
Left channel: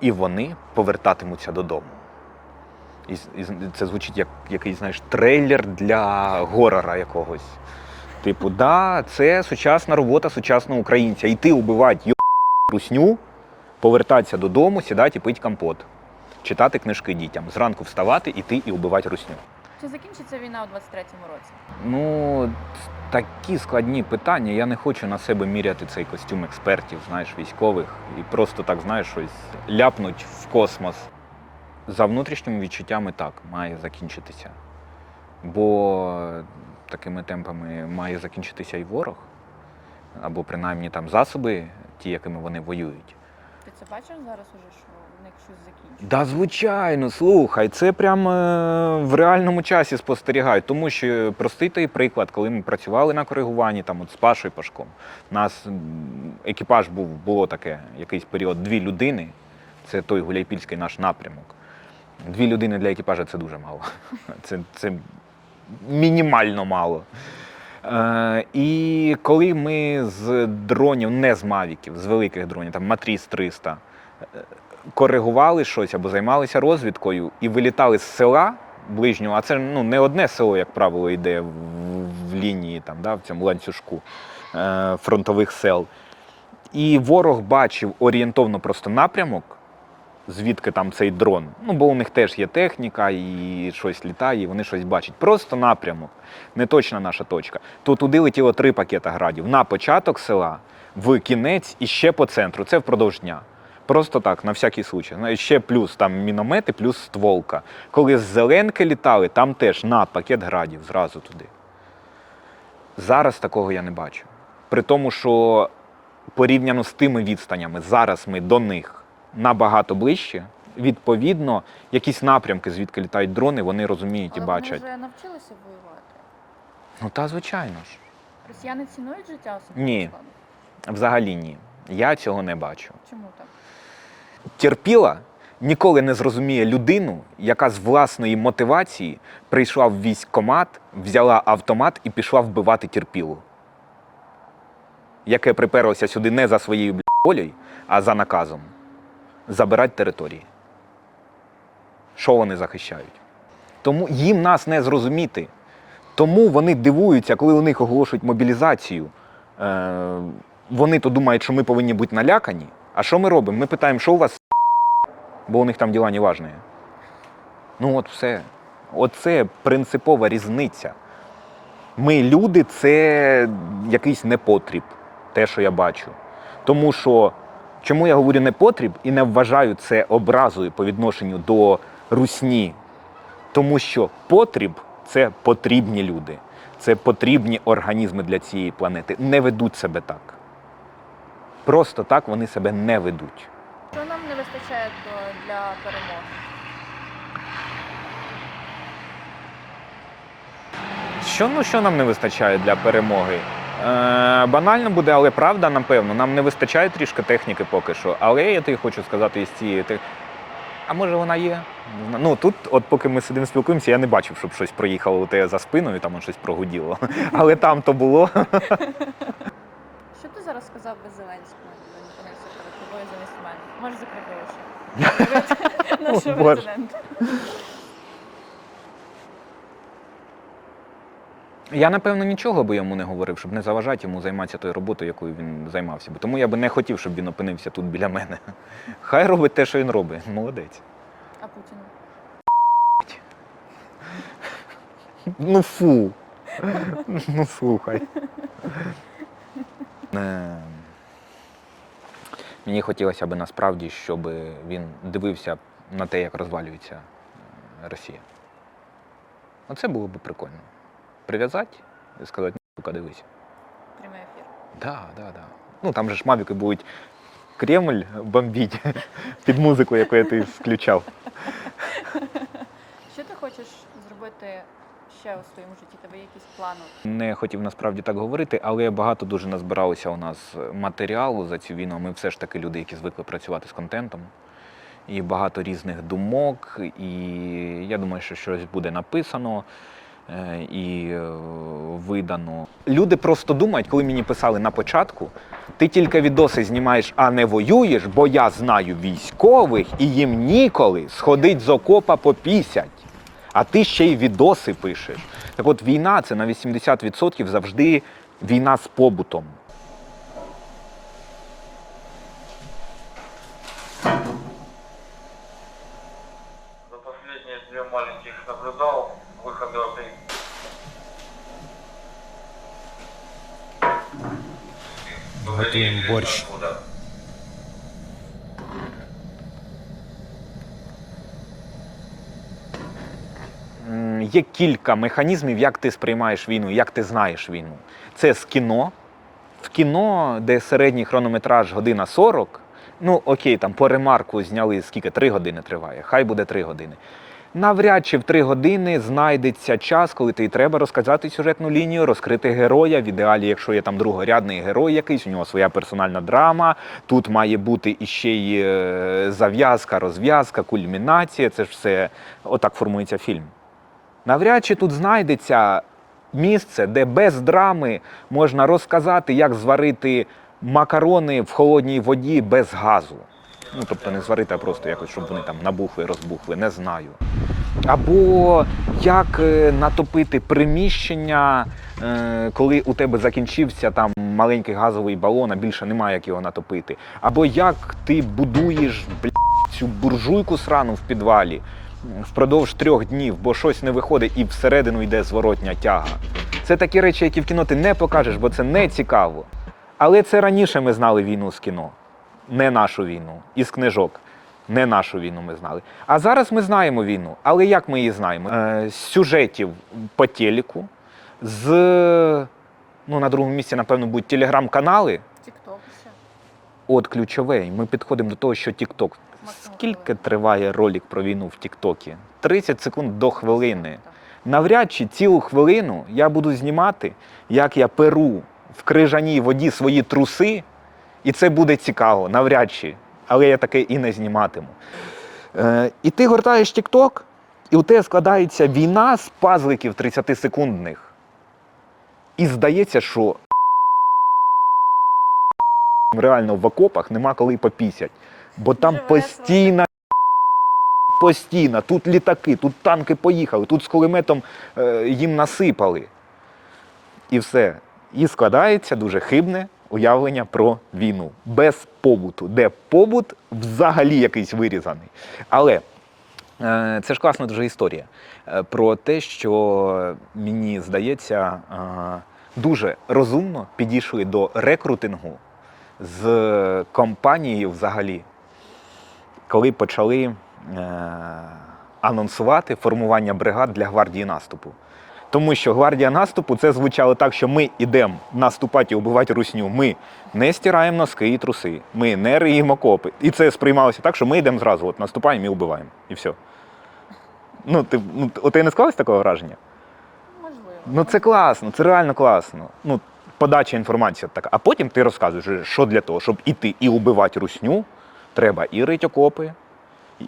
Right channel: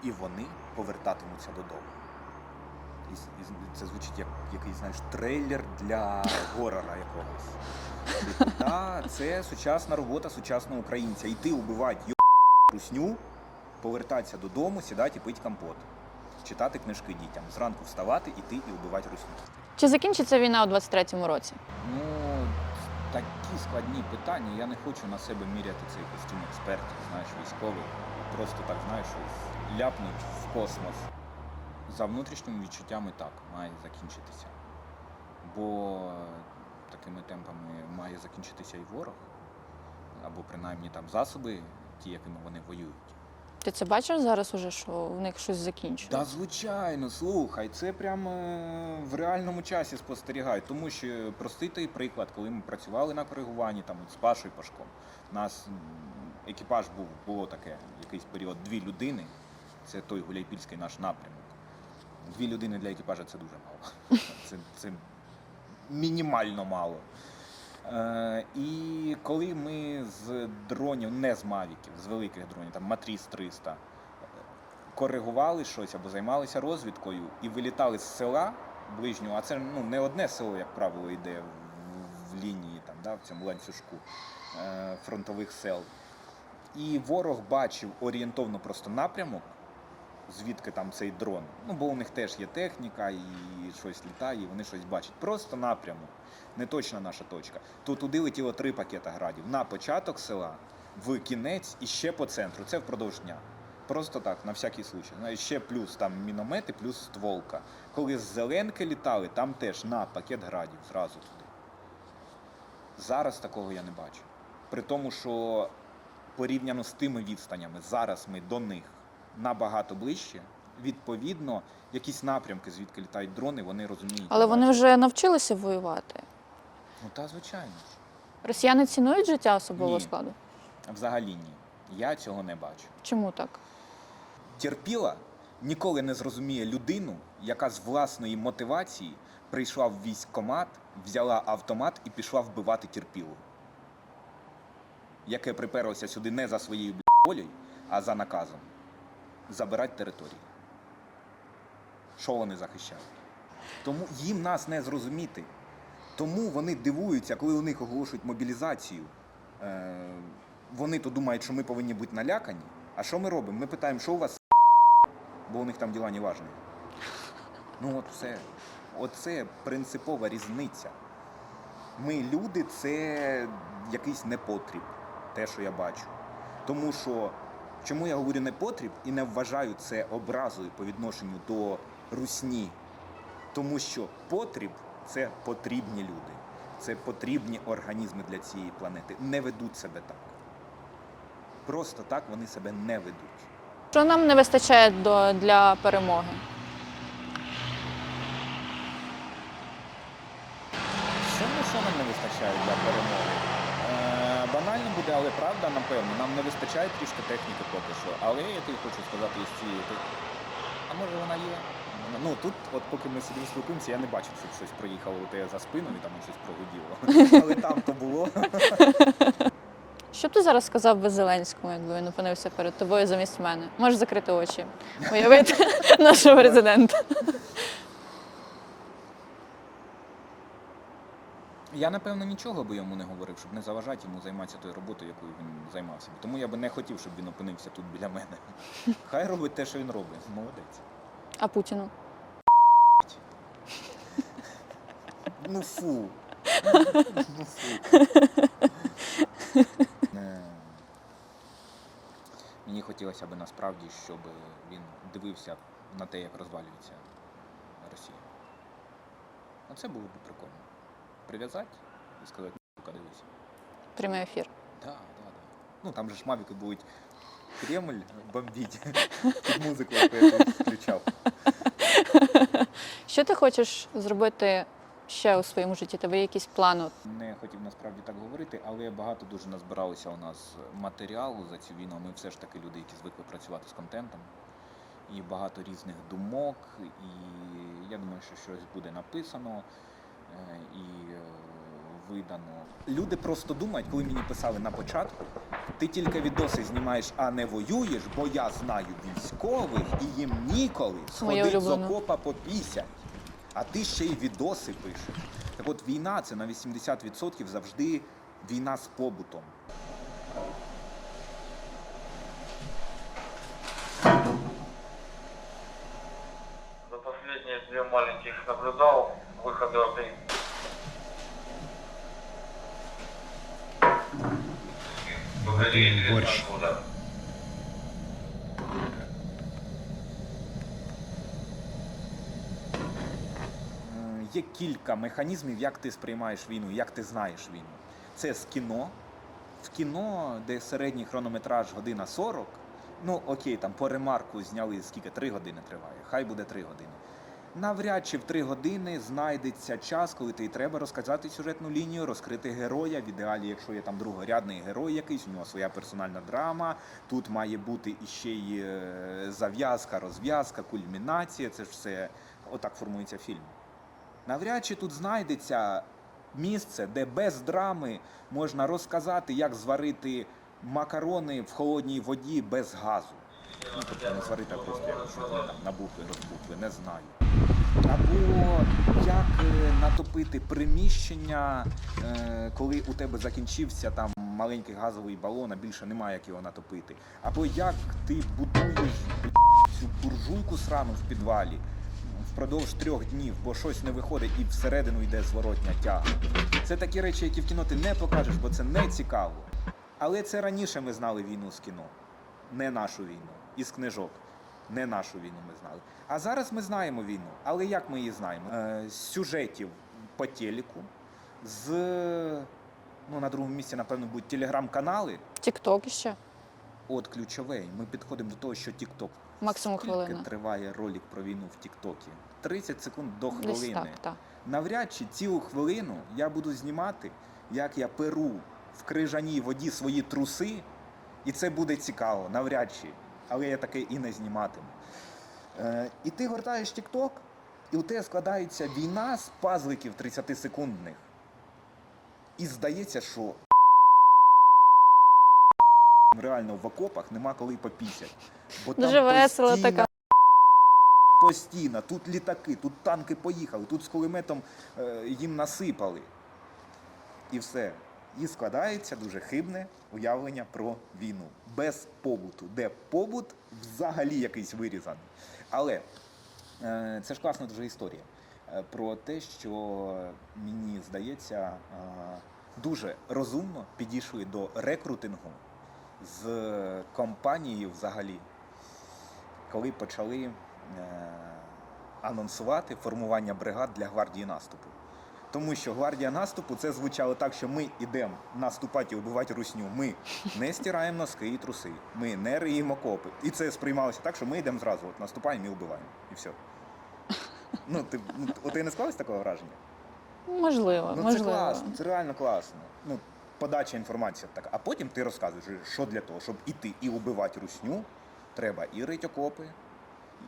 І вони повертатимуться додому. І це звучить як якийсь, знаєш, трейлер для горора якогось. Типу, да, це сучасна робота сучасного українця. Йти убивати русню, повертатися додому, сідати і пити компот. Читати книжки дітям. Зранку вставати, іти і убивати русню. Чи закінчиться війна у 23-му році? Ну, такі складні питання. Я не хочу на себе міряти цей костюм експертів, знаєш, військових. І просто так, знаєш, щось ляпнуть в космос. За внутрішніми відчуттями так, має закінчитися. Бо такими темпами має закінчитися і ворог. Або принаймні там засоби, ті, якими вони воюють. Ти це бачиш зараз уже, що в них щось закінчується? Да, звичайно, слухай, це прямо в реальному часі спостерігають. Тому що простий той приклад, коли ми працювали на коригуванні там, от з Пашою Пашком, у нас екіпаж було таке, якийсь період, 2 людини, це той Гуляйпільський наш напрямок. 2 людини для екіпажа – це дуже мало. Це мінімально мало. І коли ми з дронів, не з мавіків, з великих дронів, там Матріс 300, коригували щось або займалися розвідкою і вилітали з села ближнього, а це не одне село, як правило, йде в лінії, там, да, в цьому ланцюжку фронтових сел. І ворог бачив орієнтовно просто напрямок, звідки там цей дрон. Ну, бо у них теж є техніка, і щось літає, і вони щось бачать. Просто напрямок, не точна наша точка. То туди летіло 3 пакета градів. На початок села, в кінець і ще по центру. Це впродовж дня. Просто так, на всякий случай. Ще плюс там міномети, плюс стволка. Коли з Зеленки літали, там теж на пакет градів, зразу туди. Зараз такого я не бачу. При тому, що порівняно з тими відстанями, зараз ми до них набагато ближче. Відповідно, якісь напрямки, звідки літають дрони, вони розуміють Але і бачать. вони вже навчилися воювати. Ну та звичайно ж. Росіяни цінують життя особового Ні. складу? Взагалі ні. Я цього не бачу. Чому так? Терпіла ніколи не зрозуміє людину, яка з власної мотивації прийшла в військкомат, взяла автомат і пішла вбивати терпілу. Яке приперлося сюди не за своєю волею, а за наказом. Забирати території. Що вони захищають? Тому їм нас не зрозуміти. Тому вони дивуються, коли у них оголошують мобілізацію. Вони то думають, що ми повинні бути налякані. А що ми робимо? Ми питаємо, що у вас, бо у них там діла неважні. Ну от все. Оце принципова різниця. Ми, люди, це якийсь непотріб, те, що я бачу. Тому що, чому я говорю непотріб і не вважаю це образою по відношенню до русні? Тому що потріб – це потрібні люди, це потрібні організми для цієї планети. Не ведуть себе так. Просто так вони себе не ведуть. Що нам не вистачає для перемоги? Що нам не вистачає для перемоги? Банально буде, але правда, напевно. Нам не вистачає трішки техніки поки що. Але я тобі хочу сказати із цієї техніки. А може вона є? Ну тут, от поки ми сидимо спілкуємося, я не бачив, щоб щось проїхало у тебе за спиною, там щось прогуділо. Але там то було. Що б ти зараз сказав би Зеленському, якби він опинився перед тобою замість мене? Можеш закрити очі, уявити нашого президента. Я, напевно, нічого би йому не говорив, щоб не заважати йому займатися тою роботою, якою він займався. Тому я би не хотів, щоб він опинився тут біля мене. Хай робить те, що він робить. Молодець. А Путіну? Ну фу. Ну слухай. Мені хотілося б насправді, щоб він дивився на те, як розвалюється Росія. Оце було б прикольно. Прив'язати і сказати, сука, дивись. Прямий ефір. Да. Ну там же ж мавіки будуть Кремль бомбіть під музику, яку я ти включав. Що ти хочеш зробити ще у своєму житті? Тебе є якісь плани? Не хотів насправді так говорити, але багато дуже назбиралося у нас матеріалу за цю війну. Ми все ж таки люди, які звикли працювати з контентом. І багато різних думок, і я думаю, що щось буде написано і видано. Люди просто думають, коли мені писали на початку, ти тільки відоси знімаєш, а не воюєш, бо я знаю військових і їм ніколи сходить з окопа попісять. А ти ще й відоси пишеш. Так от війна – це на 80% завжди війна з побутом. За последние 2 маленьких наблюдал выходы опять. Борщ. Є кілька механізмів, як ти сприймаєш війну, як ти знаєш війну. Це з кіно. В кіно, де середній хронометраж година 40, ну окей, там по ремарку зняли, скільки, 3 години триває, хай буде 3 години. Навряд чи в 3 години знайдеться час, коли тобі треба розказати сюжетну лінію, розкрити героя. В ідеалі, якщо є там другорядний герой якийсь, у нього своя персональна драма, тут має бути іще й зав'язка, розв'язка, кульмінація, це ж все, отак формується фільм. Навряд чи тут знайдеться місце, де без драми можна розказати, як зварити макарони в холодній воді без газу. Ну, тобто не зварити, а просто якось, щоб вони там набухли, розбухли, не знаю. Або як натопити приміщення, коли у тебе закінчився там маленький газовий балон, а більше немає, як його натопити. Або як ти будуєш цю буржуйку срану в підвалі впродовж 3 днів, бо щось не виходить і всередину йде зворотня тяга. Це такі речі, які в кіно ти не покажеш, бо це не цікаво. Але це раніше ми знали війну з кіно, не нашу війну, із книжок. Не нашу війну ми знали. А зараз ми знаємо війну. Але як ми її знаємо? З сюжетів по телеку, з, ну, на другому місці, напевно, будуть телеграм-канали. Тік-ток ще. От ключове. Ми підходимо до того, що тік-ток. Максимум Скільки хвилина. триває ролик про війну в тік-токі? 30 секунд до хвилини. Так. Навряд чи цілу хвилину я буду знімати, як я перу в крижаній воді свої труси, і це буде цікаво, навряд чи. Але я таке і не зніматиму. І ти гортаєш тік-ток, і у тебе складається війна з пазликів 30-секундних. І здається, що реально в окопах нема коли попісять. Бо там постійно, тут літаки, тут танки поїхали, тут з кулеметом їм насипали. І все. І складається дуже хибне уявлення про війну. Без побуту. Де побут взагалі якийсь вирізаний. Але Це ж класна дуже історія про те, що, мені здається, дуже розумно підійшли до рекрутингу з компанією взагалі, коли почали анонсувати формування бригад для гвардії наступу. Тому що гвардія наступу це звучало так, що ми йдемо наступати і вбивати русню. Ми не стираємо носки і труси, ми не риємо окопи. І це сприймалося так, що ми йдемо зразу, от наступаємо і вбиваємо. І все. У тебе не склалось такого враження? Можливо. Ну це класно, це реально класно. Ну, подача інформації така. А потім ти розказуєш, що для того, щоб іти і вбивати русню, треба і рити окопи,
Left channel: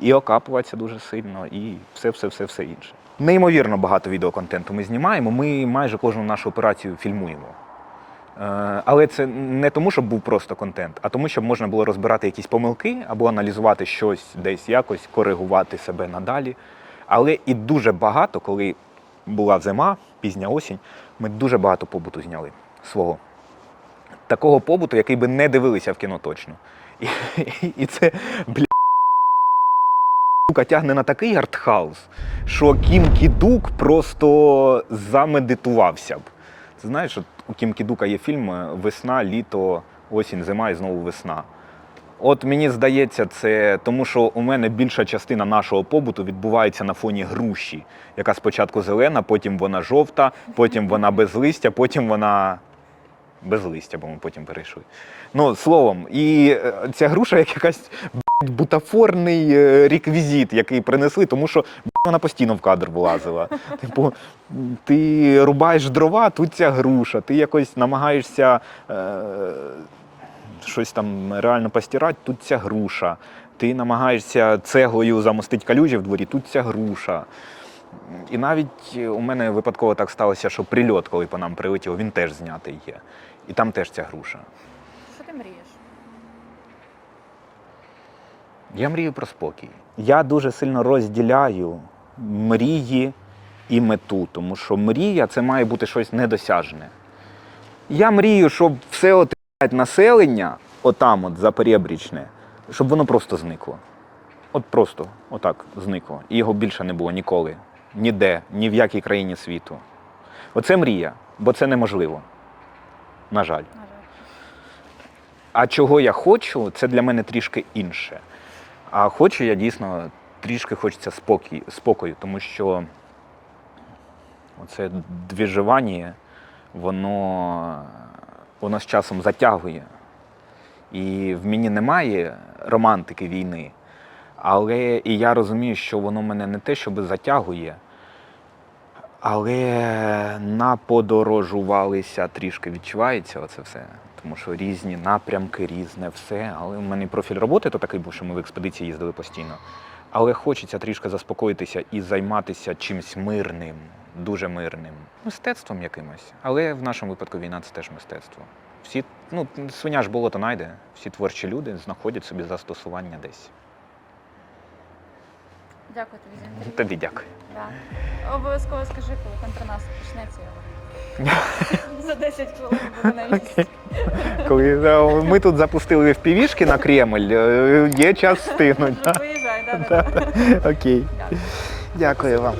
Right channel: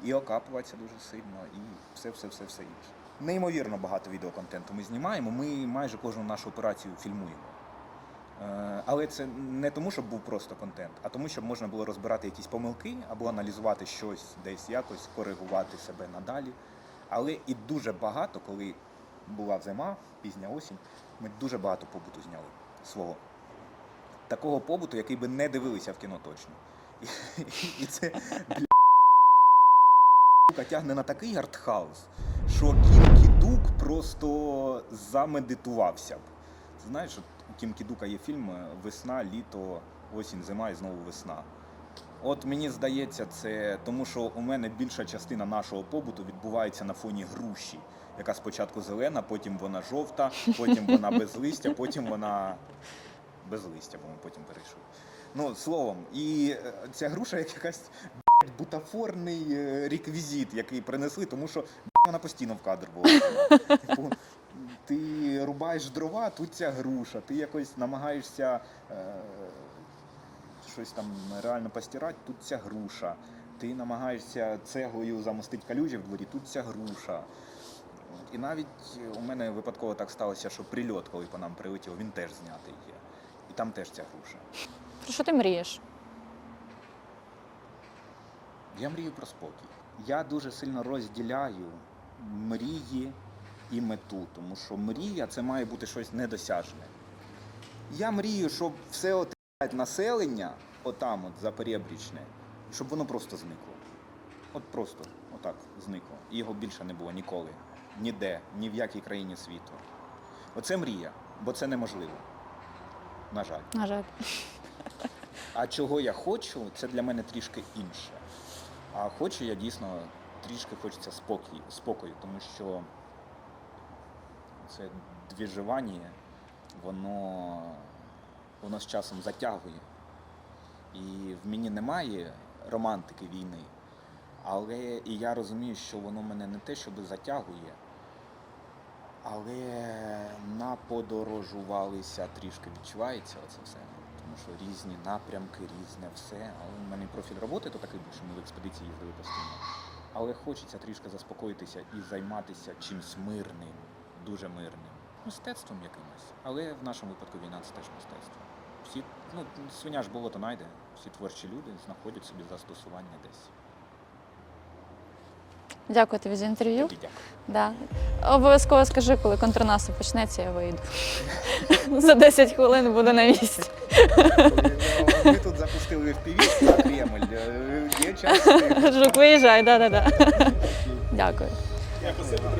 і окапуватися дуже сильно, і все інше. Неймовірно багато відеоконтенту ми знімаємо, ми майже кожну нашу операцію фільмуємо. Але це не тому, щоб був просто контент, а тому, щоб можна було розбирати якісь помилки або аналізувати щось десь якось, коригувати себе надалі. Але і дуже багато, коли була зима, пізня осінь, ми дуже багато побуту зняли свого. Такого побуту, який би не дивилися в кіно точно. І це, тягне на такий артхаус, що Кім Кі-дук просто замедитувався б. Ти знаєш, у Кім Кі-дука є фільм «Весна, літо, осінь, зима і знову весна». От мені здається, це тому, що у мене більша частина нашого побуту відбувається на фоні груші, яка спочатку зелена, потім вона жовта, потім вона без листя, потім вона без листя, бо ми потім перейшли. Ну, словом, і ця груша як якась бутафорний реквізит, який принесли, тому що вона постійно в кадр влазила. Типу, ти рубаєш дрова, тут ця груша, ти якось намагаєшся щось там реально постирати, тут ця груша. Ти намагаєшся цеглою замостити калюжі в дворі, тут ця груша. І навіть у мене випадково так сталося, що прильот, коли по нам прилетів, він теж знятий є. І там теж ця груша. Про що ти мрієш? Я мрію про спокій. Я дуже сильно розділяю мрії і мету, тому що мрія – це має бути щось недосяжне. Я мрію, щоб все от населення, отам от Запорєбрічне, щоб воно просто зникло. От просто отак зникло. І його більше не було ніколи. Ніде, ні в якій країні світу. Оце мрія, бо це неможливо. На жаль. На жаль. А чого я хочу, це для мене трішки інше. А хочу я дійсно, трішки хочеться спокою, тому що оце двіжування, воно з часом затягує. І в мені немає романтики війни, але і я розумію, що воно мене не те, щоб затягує, але наподорожувалися трішки, відчувається оце все. Тому що різні напрямки, різне все. Але в мене профіль роботи то такий був, що ми в експедиції їздили постійно. Але хочеться трішки заспокоїтися і займатися чимось мирним, дуже мирним. Мистецтвом якимось. Але в нашому випадку війна – це теж мистецтво. Всі, свиня ж болото найде, всі творчі люди знаходять собі застосування десь. Дякую тобі за інтерв'ю. Тобі дякую. Да. Обов'язково скажи, коли контрнаступ почнеться, я вийду. За 10 хвилин буду на місці. Коли ми тут запустили FPV-шки на Кремль, є час встигнути. Виїжджай, да. Окей. Дякую. Дякую вам.